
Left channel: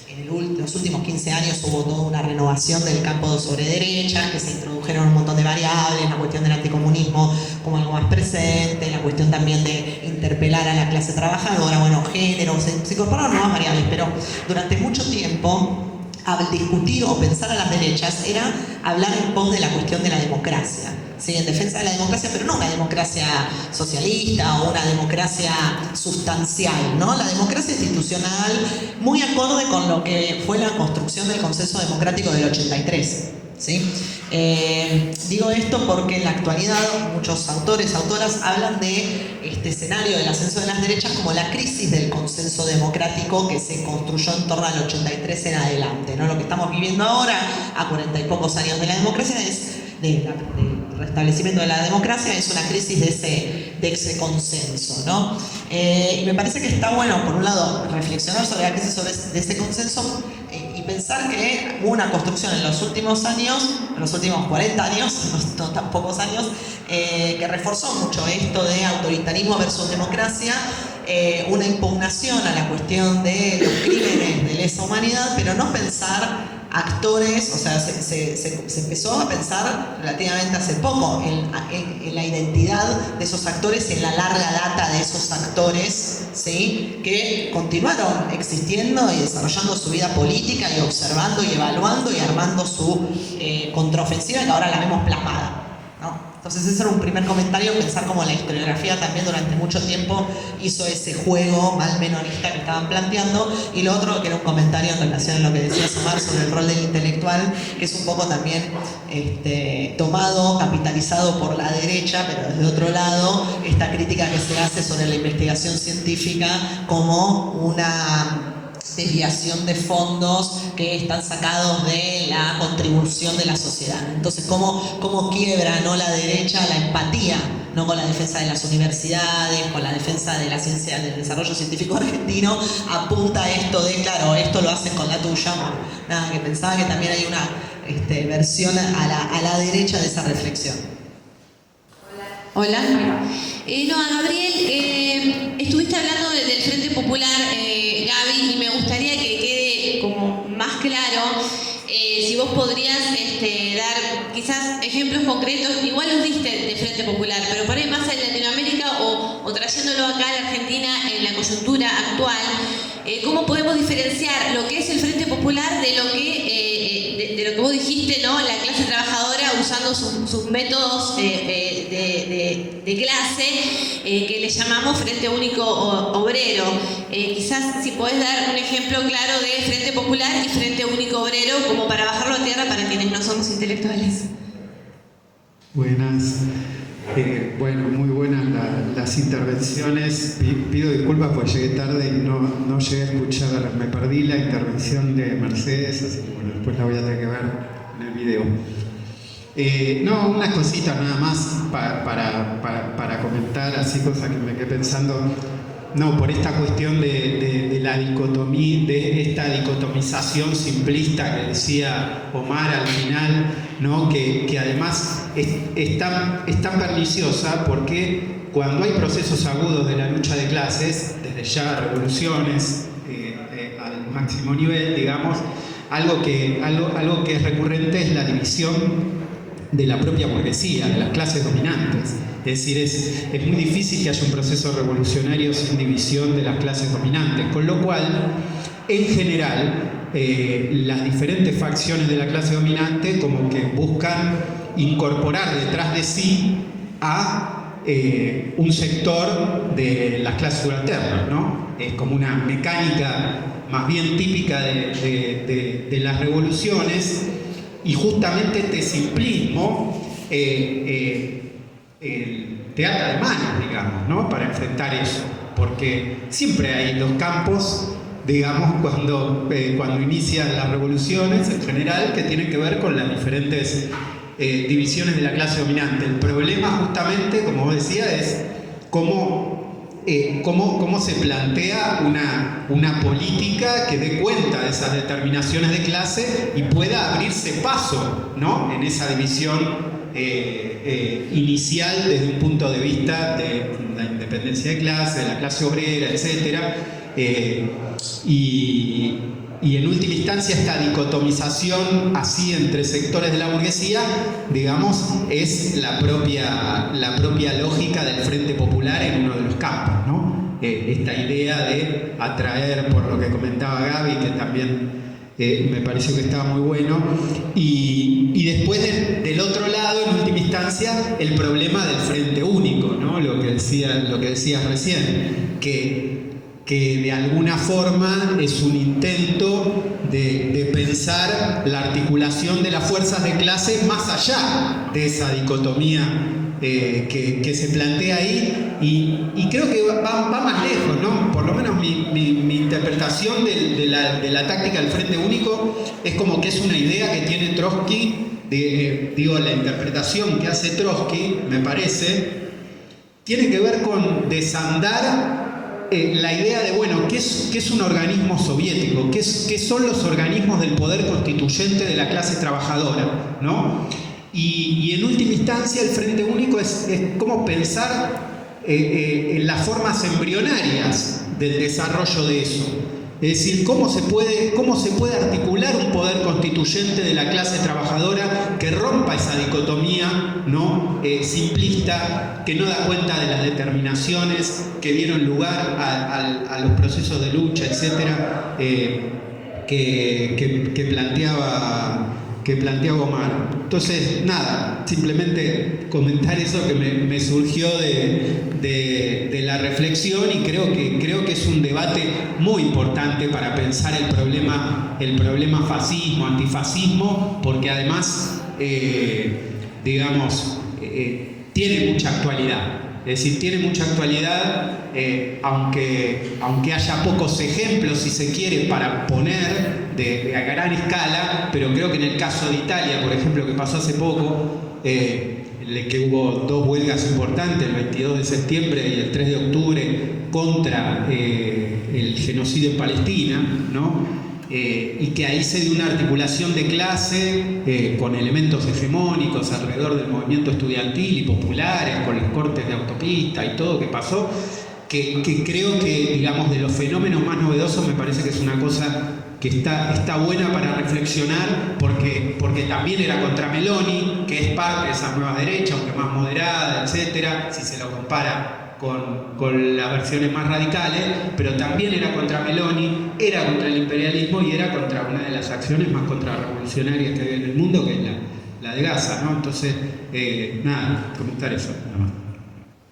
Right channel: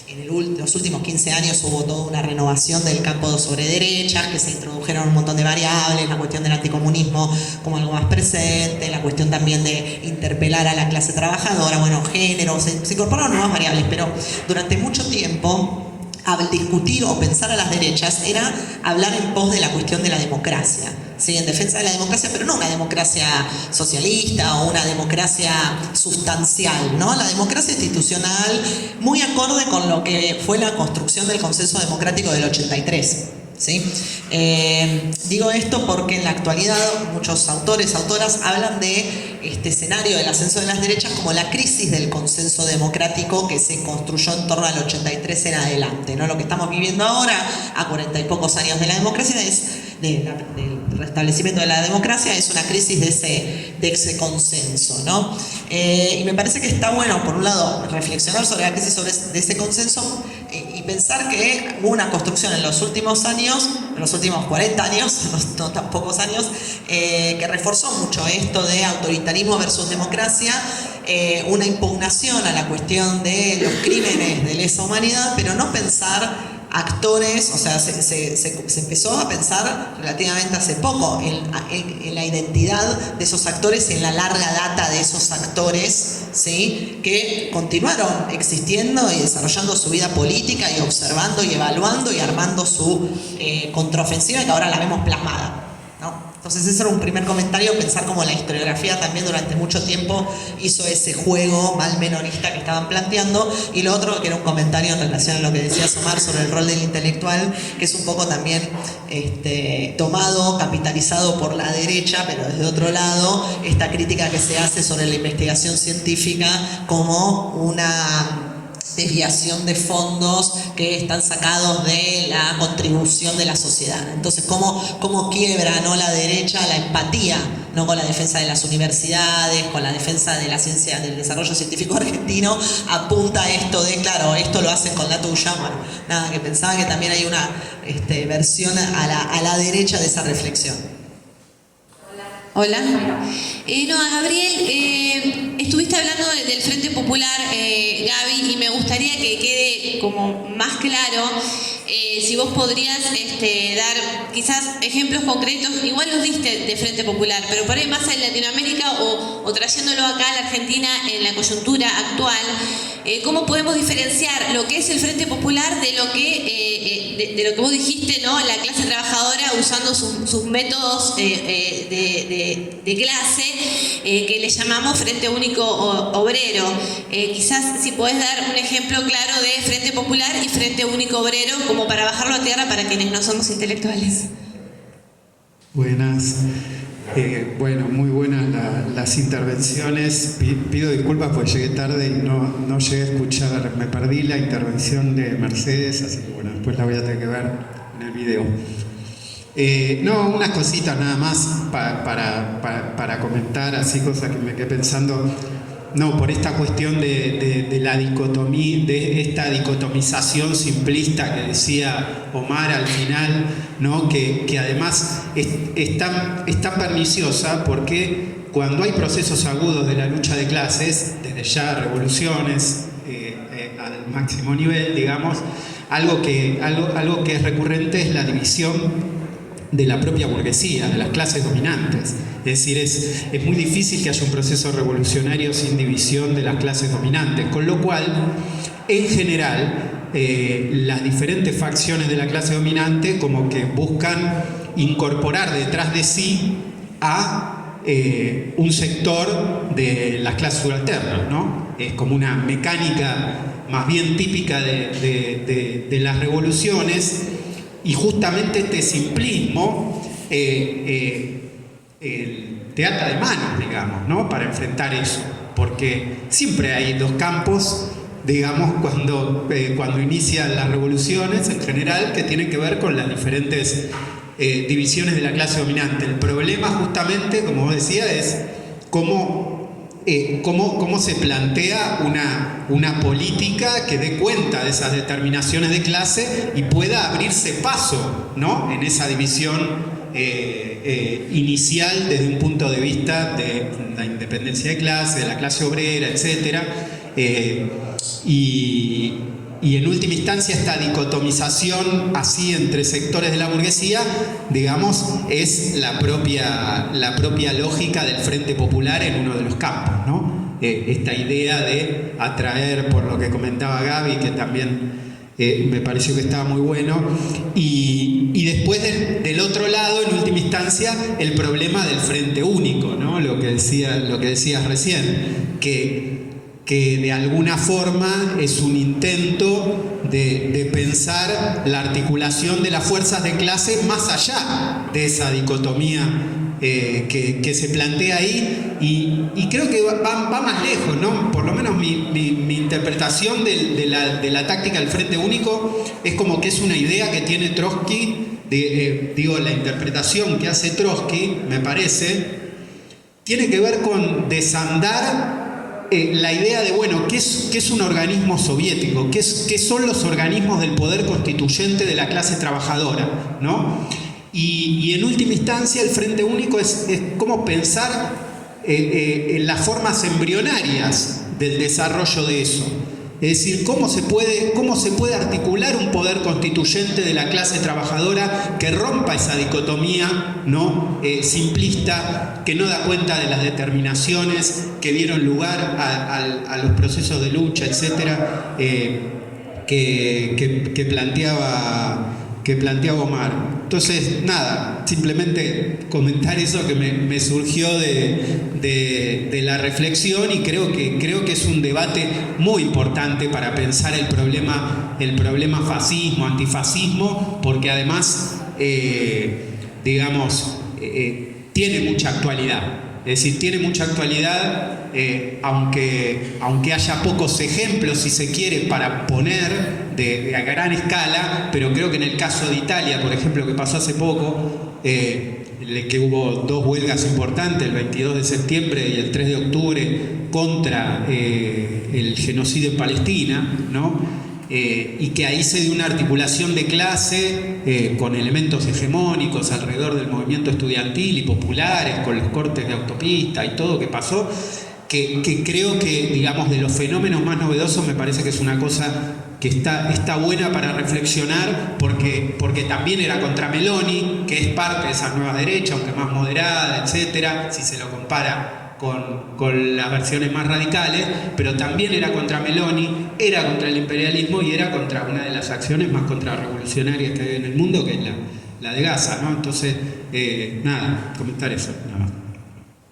En los últimos 15 años hubo toda una renovación del campo sobre derechas, que se introdujeron un montón de variables, la cuestión del anticomunismo como algo más presente, la cuestión también de interpelar a la clase trabajadora, bueno, género, se incorporaron nuevas variables, pero durante mucho tiempo al discutir o pensar a las derechas era hablar en pos de la cuestión de la democracia, ¿sí? En defensa de la democracia, pero no una democracia socialista o una democracia sustancial, ¿no? La democracia institucional muy acorde con lo que fue la construcción del consenso democrático del 83. ¿Sí? Digo esto porque en la actualidad muchos autores, autoras hablan de este escenario del ascenso de las derechas como la crisis del consenso democrático que se construyó en torno al 83 en adelante, ¿no? Lo que estamos viviendo ahora, a 40 y pocos años de la democracia, del restablecimiento de la democracia, es una crisis de ese consenso, ¿no? Y me parece que está bueno, por un lado, reflexionar sobre la crisis de ese consenso y pensar que hubo una construcción en los últimos años, en los últimos 40 años, no tan pocos años, que reforzó mucho esto de autoritarismo versus democracia, una impugnación a la cuestión de los crímenes de lesa humanidad, pero no pensar actores, o sea, se empezó a pensar relativamente hace poco en la identidad de esos actores, en la larga data de esos actores, ¿sí? Que continuaron existiendo y desarrollando su vida política y observando y evaluando y armando su contraofensiva, que ahora la vemos plasmada, ¿no? Entonces ese era un primer comentario, pensar cómo la historiografía también durante mucho tiempo hizo ese juego mal menorista que estaban planteando, y lo otro que era un comentario en relación a lo que decía Samar sobre el rol del intelectual, que es un poco también tomado, capitalizado por la derecha, pero desde otro lado, esta crítica que se hace sobre la investigación científica como una desviación de fondos que están sacados de la contribución de la sociedad. Entonces, ¿cómo quiebra, ¿no?, la derecha la empatía, ¿no?, con la defensa de las universidades, con la defensa de la ciencia, del desarrollo científico argentino? Apunta a esto de, claro, esto lo hacen con la tuya. Bueno, nada, que pensaba que también hay una versión a la derecha de esa reflexión. Hola. Gabriel, estuviste hablando del Frente Popular, Gaby, y me gustaría que quede como más claro si vos podrías dar quizás ejemplos concretos, igual los diste de Frente Popular, pero por ahí más en Latinoamérica o trayéndolo acá a la Argentina en la coyuntura actual, ¿cómo podemos diferenciar lo que es el Frente Popular de lo que vos dijiste, ¿no?, la clase trabajadora usando sus métodos de clase que le llamamos Frente Único Obrero? Quizás si podés dar un ejemplo claro de Frente Popular y Frente Único Obrero, como para bajarlo a tierra para quienes no somos intelectuales. Buenas. Bueno, muy buenas las intervenciones. Pido disculpas porque llegué tarde y no llegué a escuchar, me perdí la intervención de Mercedes, así que bueno, después la voy a tener que ver en el video. No, unas cositas nada más para comentar, así cosas que me quedé pensando. No, por esta cuestión de la dicotomía, de esta dicotomización simplista que decía Omar al final, ¿no?, que además es tan perniciosa porque cuando hay procesos agudos de la lucha de clases, desde ya revoluciones al máximo nivel, digamos, algo que es recurrente es la división de la propia burguesía, de las clases dominantes. Es decir, es muy difícil que haya un proceso revolucionario sin división de las clases dominantes, con lo cual, en general, las diferentes facciones de la clase dominante como que buscan incorporar detrás de sí a un sector de las clases subalternas, ¿no? Es como una mecánica más bien típica de las revoluciones, y justamente este simplismo te ata de manos, digamos, ¿no?, para enfrentar eso, porque siempre hay dos campos, digamos, cuando inician las revoluciones en general, que tienen que ver con las diferentes divisiones de la clase dominante. El problema justamente, como vos decías, es cómo se plantea una política que dé cuenta de esas determinaciones de clase y pueda abrirse paso, ¿no?, en esa división inicial desde un punto de vista de la independencia de clase, de la clase obrera, etc. Y en última instancia esta dicotomización así entre sectores de la burguesía, digamos, es la propia lógica del Frente Popular en uno de los campos, ¿no? Esta idea de atraer, por lo que comentaba Gaby, que también me pareció que estaba muy bueno, y después del otro lado, en última instancia, el problema del Frente Único, ¿no? Lo que decías recién, que de alguna forma es un intento de pensar la articulación de las fuerzas de clase más allá de esa dicotomía que se plantea ahí, y creo que va más lejos, ¿no? Por lo menos mi interpretación de la táctica del Frente Único es como que es una idea que tiene Trotsky, la interpretación que hace Trotsky, me parece, tiene que ver con desandar la idea de, bueno, ¿qué es un organismo soviético? ¿Qué son los organismos del poder constituyente de la clase trabajadora, ¿no? Y en última instancia el Frente Único es cómo pensar en las formas embrionarias del desarrollo de eso. Es decir, cómo se puede articular un poder constituyente de la clase trabajadora que rompa esa dicotomía, ¿no? Simplista, que no da cuenta de las determinaciones que dieron lugar a los procesos de lucha, etcétera, que planteaba Omar. Entonces, nada, simplemente comentar eso que me surgió de la reflexión, y creo que es un debate muy importante para pensar el problema fascismo, antifascismo, porque además, tiene mucha actualidad. Es decir, tiene mucha actualidad, aunque haya pocos ejemplos, si se quiere, para poner a gran escala, pero creo que en el caso de Italia, por ejemplo, que pasó hace poco, que hubo 2 huelgas importantes, el 22 de septiembre y el 3 de octubre, contra el genocidio en Palestina, ¿no? Y que ahí se dio una articulación de clase con elementos hegemónicos alrededor del movimiento estudiantil y populares, con los cortes de autopista y todo que pasó, que creo que, digamos, de los fenómenos más novedosos, me parece que es una cosa que está buena para reflexionar, porque también era contra Meloni, que es parte de esa nueva derecha, aunque más moderada, etcétera, si se lo compara con las versiones más radicales, pero también era contra Meloni, era contra el imperialismo y era contra una de las acciones más contrarrevolucionarias que hay en el mundo, que es la de Gaza, ¿no? Entonces, nada, comentar eso, nada más.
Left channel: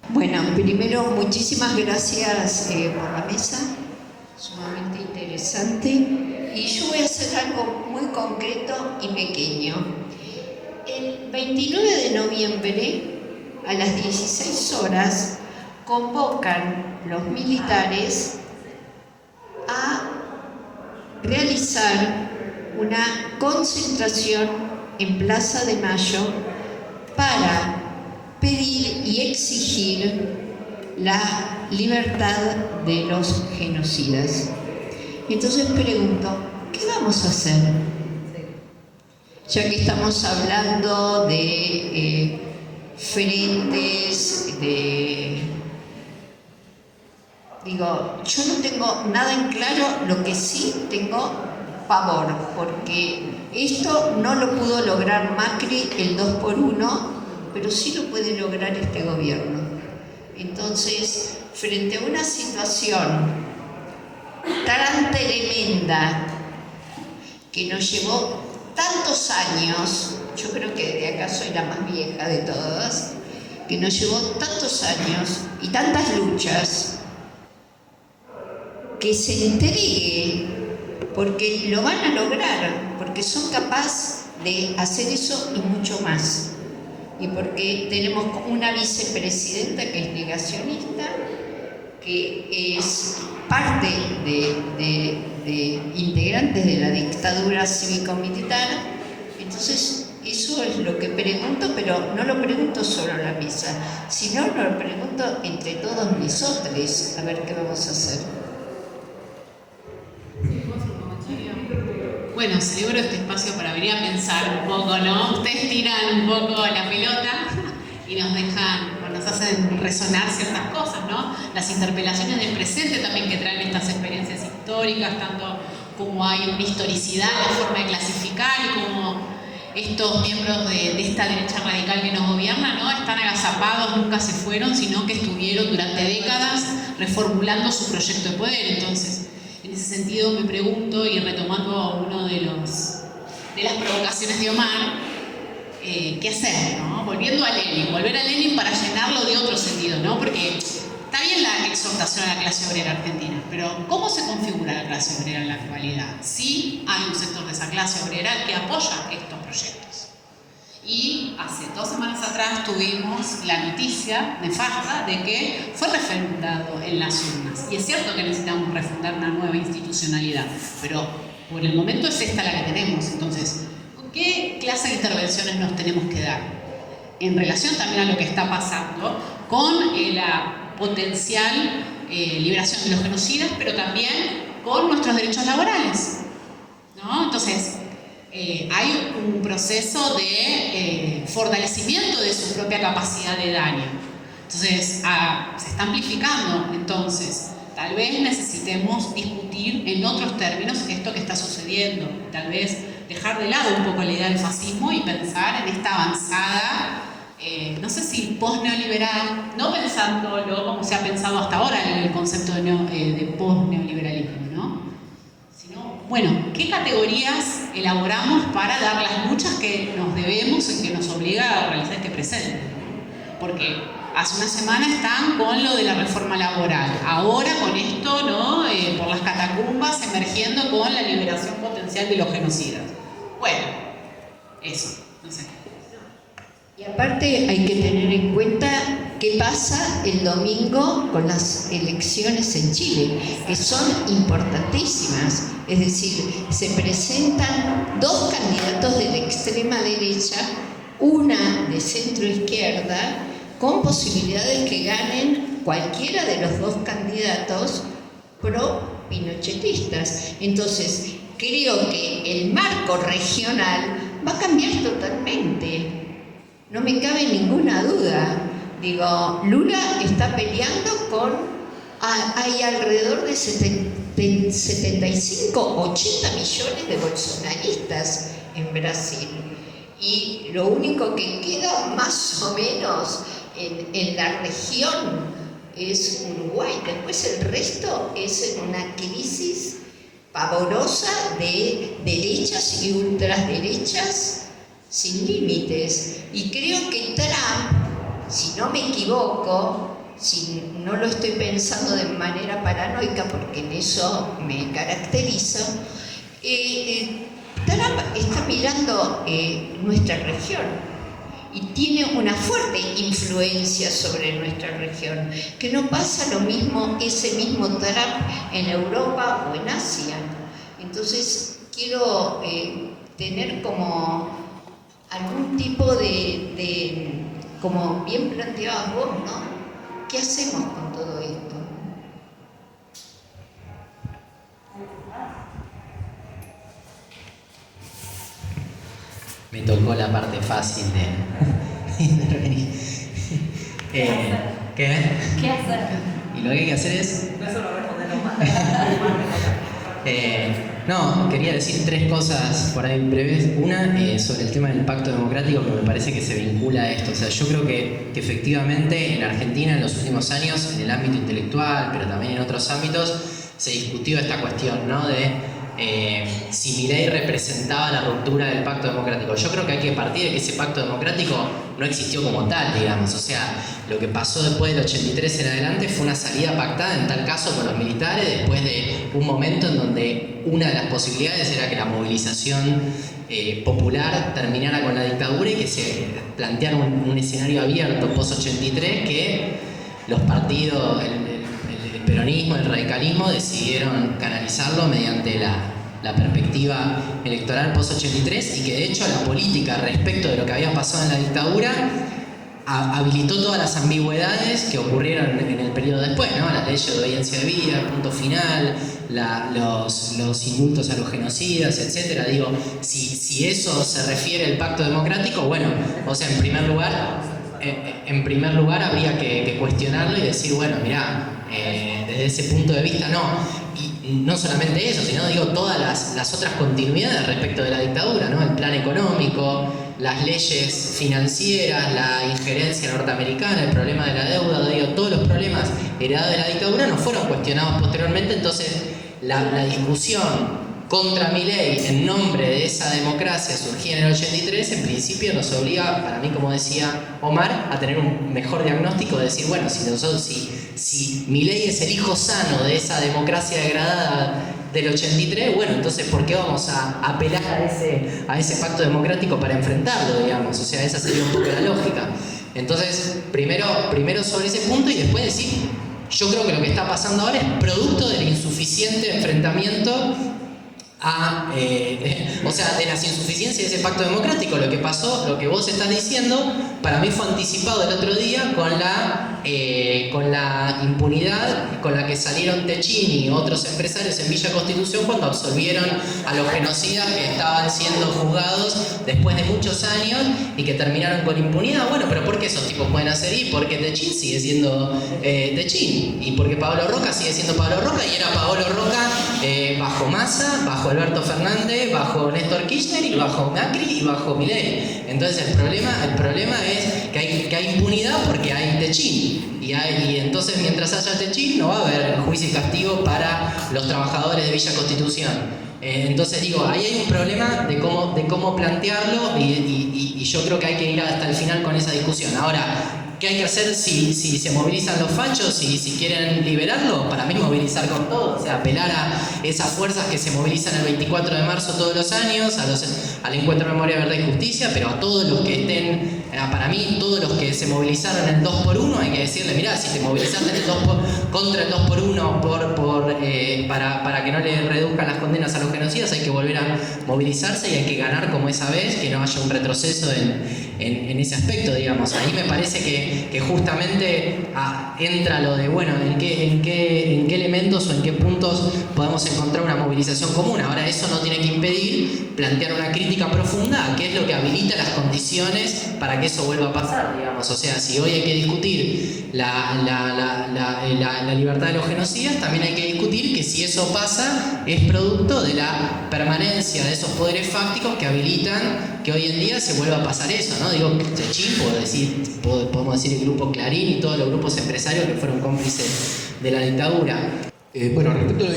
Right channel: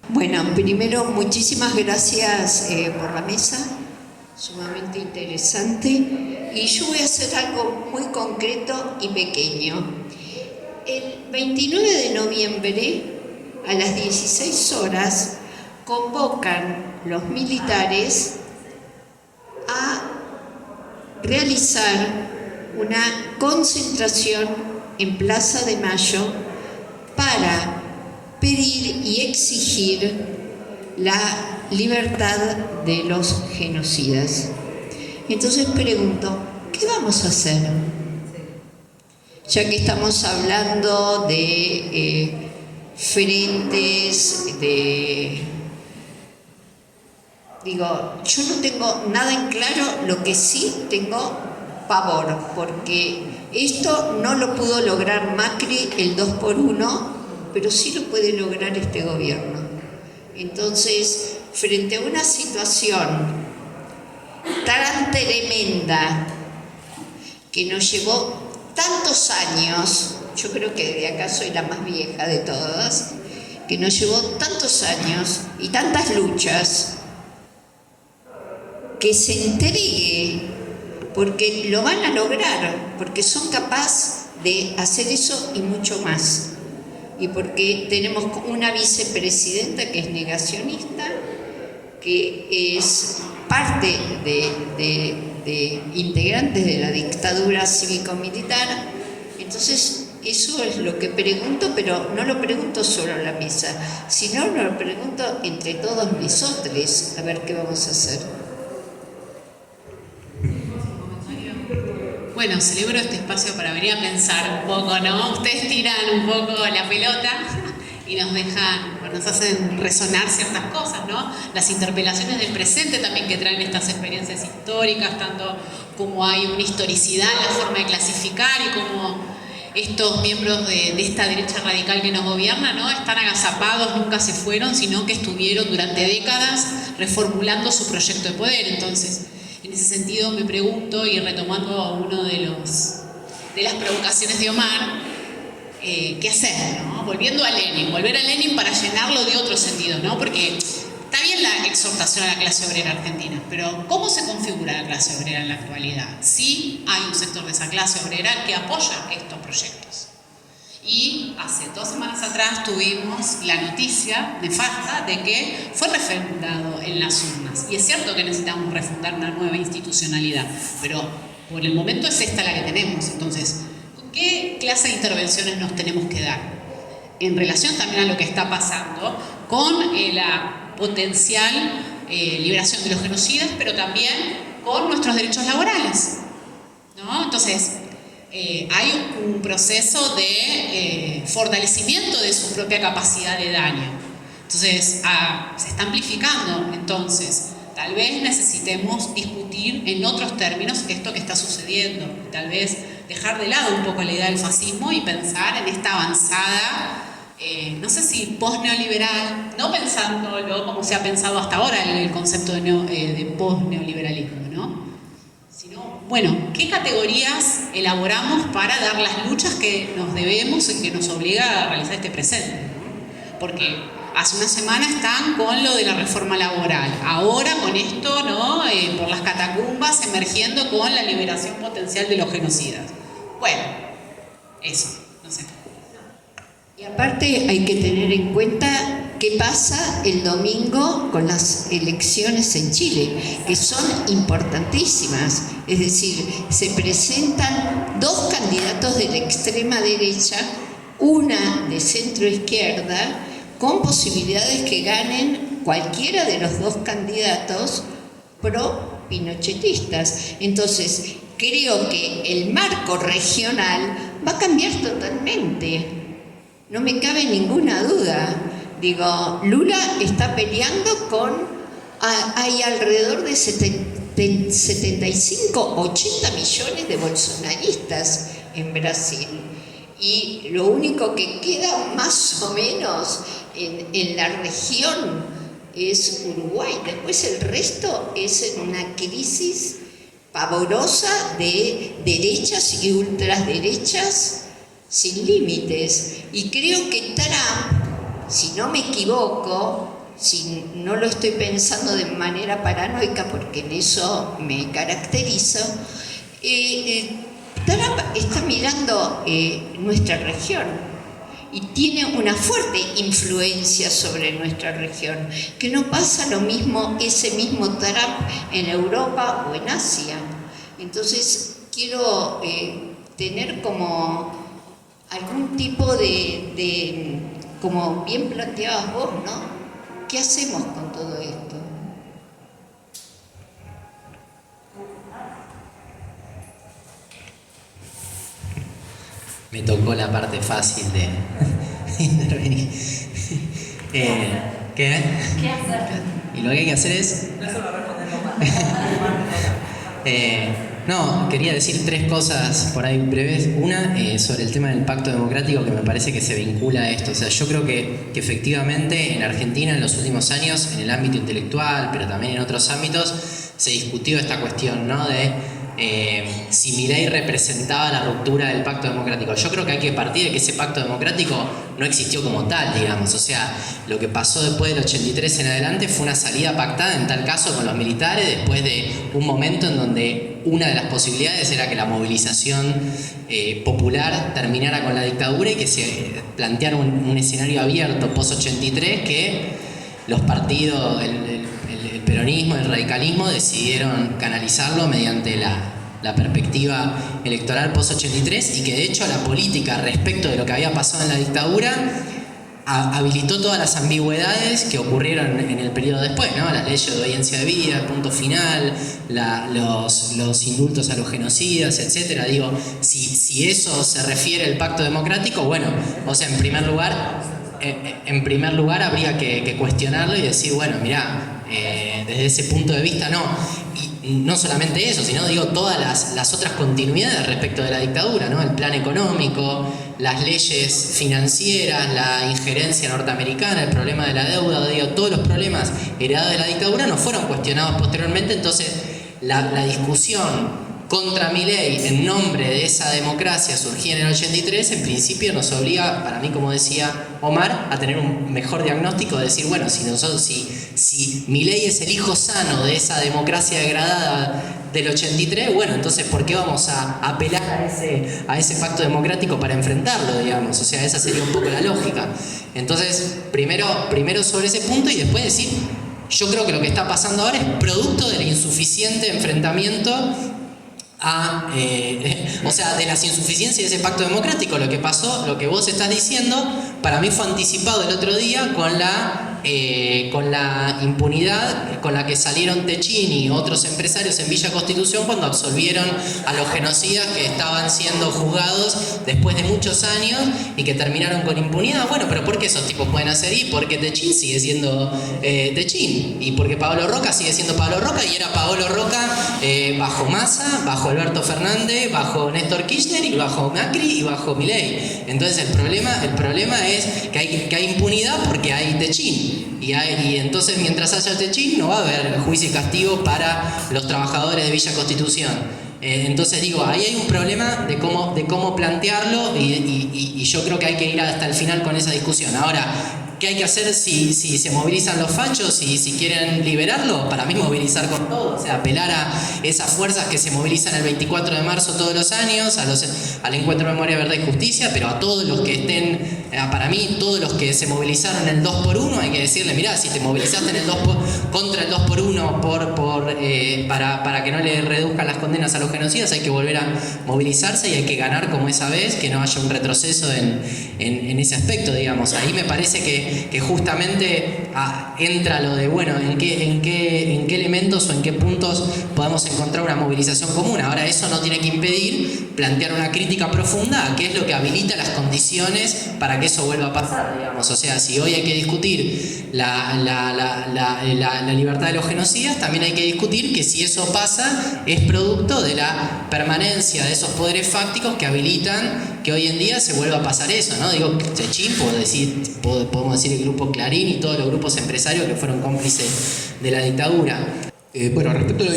Bueno, primero, muchísimas gracias por la mesa, sumamente interesante, y yo voy a hacer algo muy concreto y pequeño. El 29 de noviembre, a las 16 horas, convocan los militares a realizar una concentración en Plaza de Mayo para pedir y exigir la libertad de los genocidas. Entonces pregunto, ¿qué vamos a hacer? Ya que estamos hablando de frentes, yo no tengo nada en claro, lo que sí tengo pavor, porque esto no lo pudo lograr Macri el 2x1, pero sí lo puede lograr este gobierno. Entonces, frente a una situación tan tremenda que nos llevó tantos años, yo creo que de acá soy la más vieja de todas, que nos llevó tantos años y tantas luchas, que se entregue, porque lo van a lograr, porque son capaces de hacer eso y mucho más. Y porque tenemos una vicepresidenta que es negacionista, que es parte de integrantes de la dictadura cívico-militar. Entonces, eso es lo que pregunto, pero no lo pregunto solo a la mesa, sino lo pregunto entre todos nosotros, a ver qué vamos a hacer. Bueno, celebro este espacio para venir a pensar un poco, ¿no? Ustedes tiran un poco la pelota y nos dejan, bueno, nos hacen resonar ciertas cosas, ¿no? Las interpelaciones del presente también que traen estas experiencias históricas, tanto como hay una historicidad en la forma de clasificar y como estos miembros de esta derecha radical que nos gobierna, ¿no? Están agazapados, nunca se fueron, sino que estuvieron durante décadas reformulando su proyecto de poder. Entonces, en ese sentido me pregunto, y retomando uno de las provocaciones de Omar, ¿qué hacer, no? Volver a Lenin para llenarlo de otro sentido, ¿no? Porque está bien la exhortación a la clase obrera argentina, pero ¿cómo se configura la clase obrera en la actualidad? Sí hay un sector de esa clase obrera que apoya estos proyectos. Y hace 2 semanas atrás tuvimos la noticia nefasta de que fue refrendado en las urnas. Y es cierto que necesitamos refundar una nueva institucionalidad, pero por el momento es esta la que tenemos. Entonces, ¿qué clase de intervenciones nos tenemos que dar? En relación también a lo que está pasando con la potencial liberación de los genocidas, pero también con nuestros derechos laborales, ¿no? Entonces, hay un proceso de fortalecimiento de su propia capacidad de daño. Entonces, se está amplificando. Entonces, tal vez necesitemos discutir en otros términos esto que está sucediendo. Tal vez dejar de lado un poco la idea del fascismo y pensar en esta avanzada, no sé si post-neoliberal, no pensándolo como se ha pensado hasta ahora en el concepto de post-neoliberalismo, ¿no? Sino, bueno, ¿qué categorías elaboramos para dar las luchas que nos debemos y que nos obliga a realizar este presente? Porque hace una semana están con lo de la reforma laboral, ahora con esto, ¿no? Por las catacumbas emergiendo con la liberación potencial de los genocidas. Bueno, eso, no sé. Y aparte hay que tener en cuenta qué pasa el domingo con las elecciones en Chile, que son importantísimas. Es decir, se presentan 2 candidatos de la extrema derecha, una de centro izquierda, con posibilidades que ganen cualquiera de los 2 candidatos pro-pinochetistas. Entonces, creo que el marco regional va a cambiar totalmente. No me cabe ninguna duda. Digo, Lula está peleando hay alrededor de 75, 80 millones de bolsonaristas en Brasil. Y lo único que queda más o menos en la región es Uruguay. Después el resto es en una crisis pavorosa de derechas y ultraderechas sin límites. Y creo que Trump, si no me equivoco, si no lo estoy pensando de manera paranoica, porque en eso me caracterizo, Trump está mirando nuestra región y tiene una fuerte influencia sobre nuestra región, que no pasa lo mismo ese mismo Trump en Europa o en Asia. Entonces quiero tener como algún tipo de, como bien planteabas vos, ¿no? ¿Qué hacemos con todo esto? Me tocó la parte fácil de intervenir. ¿Qué? ¿Qué hacer? Y lo que hay que hacer es... No, quería decir 3 cosas por ahí breves. Una, sobre el tema del pacto democrático, que me parece que se vincula a esto. O sea, yo creo que efectivamente en Argentina en los últimos años, en el ámbito intelectual, pero también en otros ámbitos, se discutió esta cuestión, ¿no? De si Milei representaba la ruptura del pacto democrático. Yo creo que hay que partir de que ese pacto democrático no existió como tal, digamos. O sea, lo que pasó después del 83 en adelante fue una salida pactada, en tal caso con los militares, después de un momento en donde una de las posibilidades era que la movilización popular terminara con la dictadura y que se planteara un escenario abierto post-83 que los partidos, el peronismo, el radicalismo decidieron canalizarlo mediante la perspectiva electoral post-83 y que de hecho la política respecto de lo que había pasado en la dictadura habilitó todas las ambigüedades que ocurrieron en el periodo después, ¿no? La ley de obediencia de vida, punto final, los indultos a los genocidas, etc. Digo, si eso se refiere al pacto democrático, bueno, o sea, en primer lugar habría que cuestionarlo y decir, bueno, mirá, desde ese punto de vista no. Y no solamente eso, sino digo todas las otras continuidades respecto de la dictadura, ¿no? El plan económico, las leyes financieras, la injerencia norteamericana, el problema de la deuda, digo, todos los problemas heredados de la dictadura no fueron cuestionados posteriormente, entonces la discusión contra Milei en nombre de esa democracia surgida en el 83, en principio nos obliga, para mí, como decía Omar, a tener un mejor diagnóstico, de decir, bueno, si Milei es el hijo sano de esa democracia degradada del 83, bueno, entonces ¿por qué vamos a apelar a ese pacto democrático para enfrentarlo, digamos? O sea, esa sería un poco la lógica. Entonces, primero sobre ese punto y después decir, yo creo que lo que está pasando ahora es producto del insuficiente enfrentamiento o sea, de las insuficiencias de ese pacto democrático. Lo que pasó, lo que vos estás diciendo, para mí fue anticipado el otro día con la impunidad con la que salieron Techín y otros empresarios en Villa Constitución cuando absolvieron a los genocidas que estaban siendo juzgados después de muchos años y que terminaron con impunidad. Bueno, pero ¿por qué esos tipos pueden hacer? Y porque Techín sigue siendo Techín, y porque Paolo Roca sigue siendo Paolo Roca, y era Paolo Roca bajo Massa, bajo Alberto Fernández, bajo Néstor Kirchner y bajo Macri y bajo Milei. Entonces el problema es que hay impunidad porque hay Techín. Y entonces mientras haya Techín no va a haber juicio y castigo para los trabajadores de Villa Constitución. Entonces digo, ahí hay un problema de cómo plantearlo y yo creo que hay que ir hasta el final con esa discusión. Ahora, ¿qué hay que hacer si se movilizan los fachos y si quieren liberarlo? Para mí movilizar con todo, o sea, apelar a esas fuerzas que se movilizan el 24 de marzo todos los años, al Encuentro de Memoria, Verdad y Justicia, pero a todos los que estén, para mí, todos los que se movilizaron en el 2x1, hay que decirle, mirá, si te movilizaste en contra el 2x1 para que no le reduzcan las condenas a los genocidas, hay que volver a movilizarse y hay que ganar como esa vez, que no haya un retroceso en ese aspecto, digamos. Ahí me parece que justamente entra lo de, bueno, en qué elementos o en qué puntos podemos encontrar una movilización común. Ahora, eso no tiene que impedir plantear una crítica profunda a qué es lo que habilita las condiciones para que eso vuelva a pasar, digamos. O sea, si hoy hay que discutir la libertad de los genocidas, también hay que discutir que si eso pasa es producto de la permanencia de esos poderes fácticos que habilitan que hoy en día se vuelva a pasar eso, ¿no? Digo, Techín, podemos decir el grupo Clarín y todos los grupos empresarios que fueron cómplices de la dictadura. Bueno, respecto a lo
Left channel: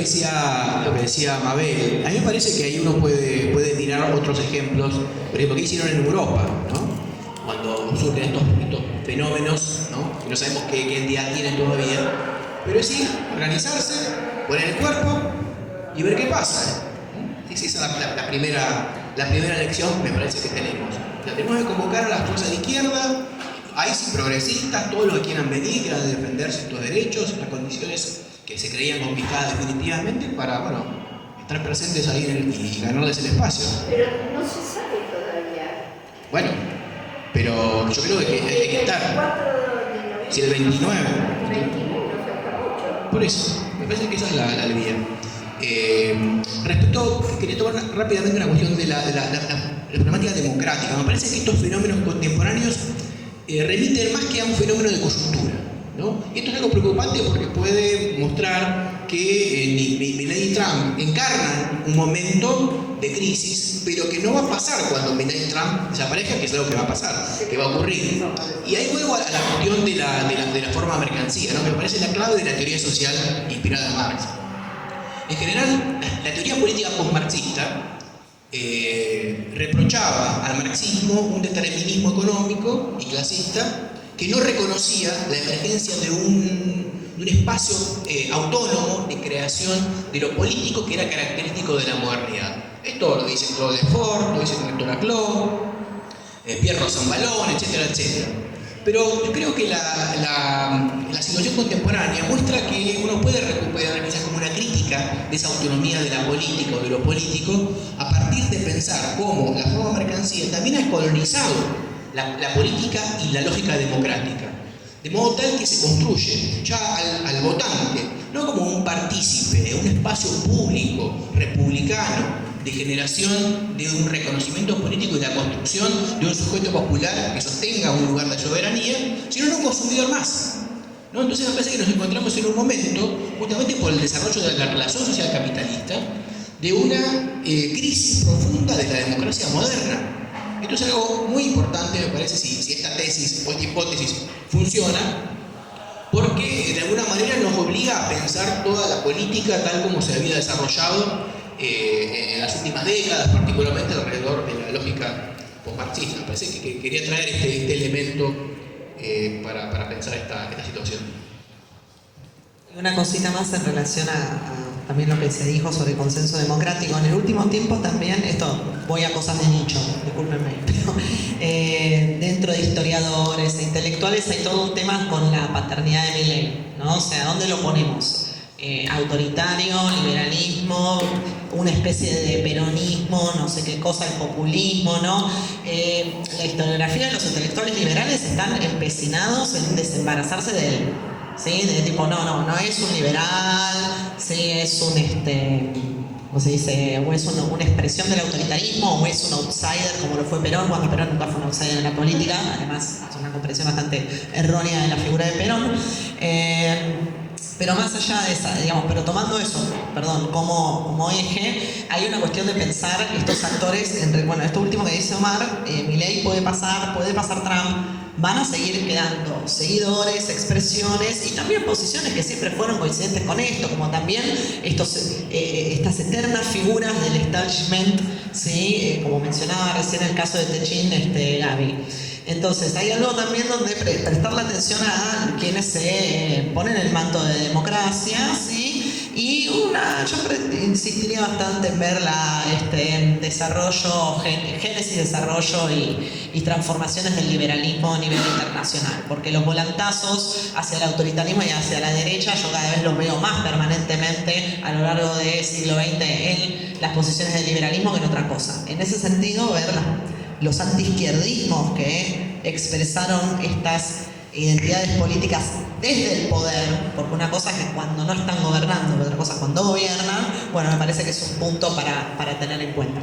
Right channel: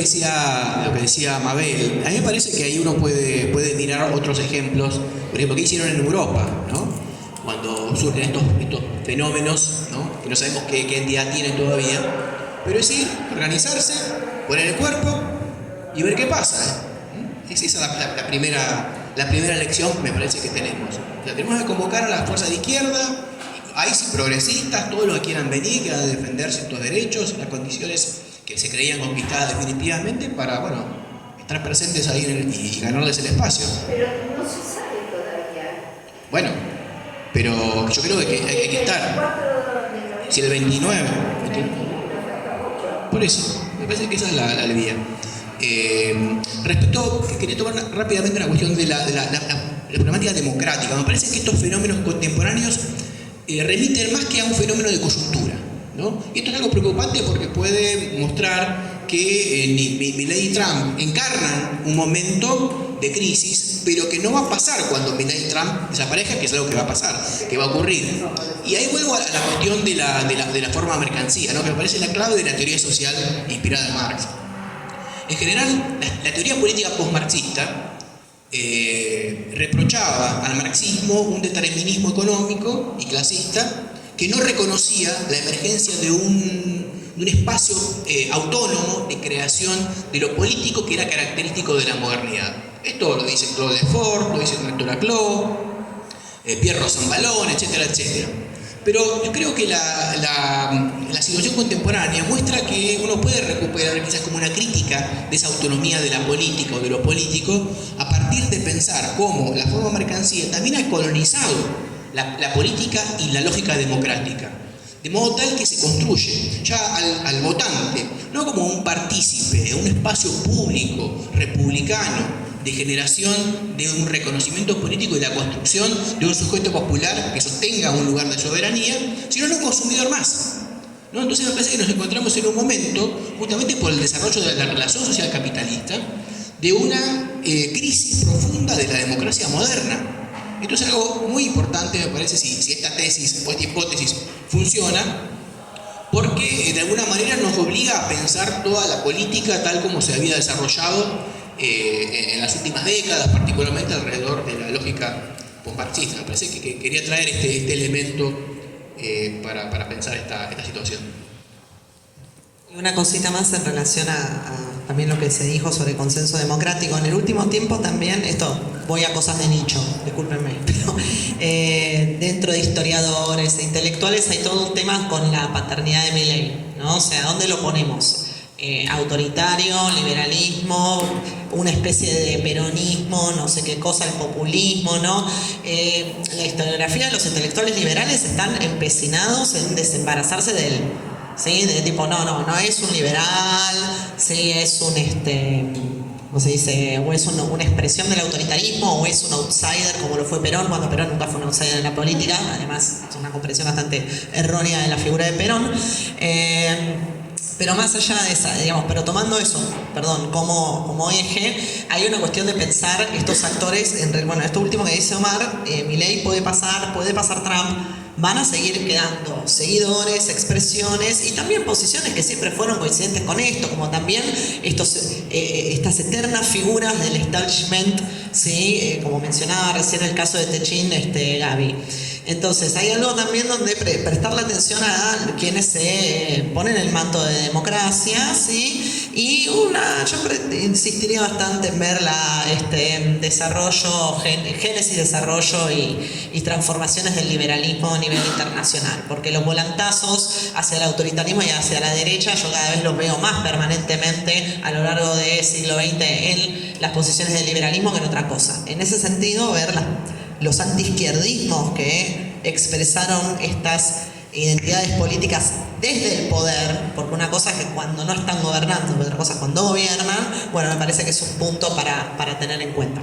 que decía Mabel, a mí me parece que ahí uno puede mirar otros ejemplos, por ejemplo, ¿qué hicieron en Europa, ¿no? Cuando surgen estos fenómenos, ¿no? Que no sabemos qué entidad tienen todavía, pero es ir, organizarse, poner el cuerpo y ver qué pasa. Esa es la primera lección, me parece que tenemos. O sea, tenemos que convocar a las fuerzas de izquierda, hay progresistas, todos los que quieran venir, quieran defender ciertos derechos y las condiciones que se creían conquistadas definitivamente para, bueno, estar presentes ahí y ganarles el espacio. Pero no se sabe todavía. Bueno, pero yo creo que hay que estar. Si el 29. Por eso, me parece que esa es la vía. Quería tomar rápidamente una cuestión de la problemática democrática. Me parece que estos fenómenos contemporáneos remiten más que a un fenómeno de coyuntura, ¿no? Y esto es algo preocupante porque puede mostrar que Milei y Trump encarnan un momento de crisis, pero que no va a pasar cuando Milei y Trump desaparezcan, que es algo que va a pasar, que va a ocurrir. Y ahí vuelvo a la cuestión de la forma de mercancía, ¿no? Que me parece la clave de la teoría social inspirada en Marx. En general, la teoría política postmarxista reprochaba al marxismo un determinismo económico y clasista que no reconocía la emergencia de un espacio autónomo de creación de lo político que era característico de la modernidad. Esto lo dice Claude Lefort, lo dice Marc Laclau, Pierre Rosanvallon, etcétera, etcétera. Pero yo creo que la situación contemporánea muestra que uno puede recuperar quizás como una crítica de esa autonomía de la política o de lo político a partir de pensar cómo la forma mercancía también ha colonizado la política y la lógica democrática. De modo tal que se construye ya al votante, no como un partícipe, un espacio público, republicano, de generación de un reconocimiento político y la construcción de un sujeto popular que sostenga un lugar de soberanía, sino un consumidor más. ¿No? Entonces me parece que nos encontramos en un momento, justamente por el desarrollo de la relación social capitalista, de una crisis profunda de la democracia moderna. Esto es algo muy importante, me parece, si esta tesis o esta hipótesis funciona, porque de alguna manera nos obliga a pensar toda la política tal como se había desarrollado en las últimas décadas, particularmente alrededor de la lógica postmarxista. Me parece que quería traer este elemento para pensar esta situación. Una cosita más en relación a también lo que se dijo sobre consenso democrático. En el último tiempo también, esto voy a cosas de nicho, discúlpenme, pero dentro de historiadores e intelectuales hay todo un tema con la paternidad de Milei, ¿no? O sea, ¿dónde lo ponemos? Autoritario, liberalismo, una especie de peronismo, no sé qué cosa, el populismo, ¿no? La historiografía de los intelectuales liberales están empecinados en desembarazarse de él, ¿sí? De tipo, no es un liberal, ¿sí? Es un, ¿cómo se dice? O es una expresión del autoritarismo, o es un outsider, como lo fue Perón. Bueno, Perón nunca fue un outsider en la política, además es una comprensión bastante errónea de la figura de Perón. Pero más allá de esa, digamos, pero tomando eso, perdón, como eje, hay una cuestión de pensar estos actores, bueno, esto último que dice Omar, Milei puede pasar Trump, van a seguir quedando seguidores, expresiones y también posiciones que siempre fueron coincidentes con esto, como también estas eternas figuras del establishment, ¿sí? Como mencionaba recién el caso de Techín, Gaby. Entonces, hay algo también donde prestarle atención a quienes se ponen el manto de democracia, ¿sí? Y yo insistiría bastante en ver génesis, desarrollo y transformaciones del liberalismo a nivel internacional, porque los volantazos hacia el autoritarismo y hacia la derecha yo cada vez los veo más permanentemente a lo largo del siglo XX en las posiciones del liberalismo que en otra cosa. En ese sentido, ver los antiizquierdismos que expresaron estas identidades políticas desde el poder, porque una cosa es que cuando no están gobernando, otra cosa es cuando gobiernan, bueno, me parece que es un punto para tener en cuenta.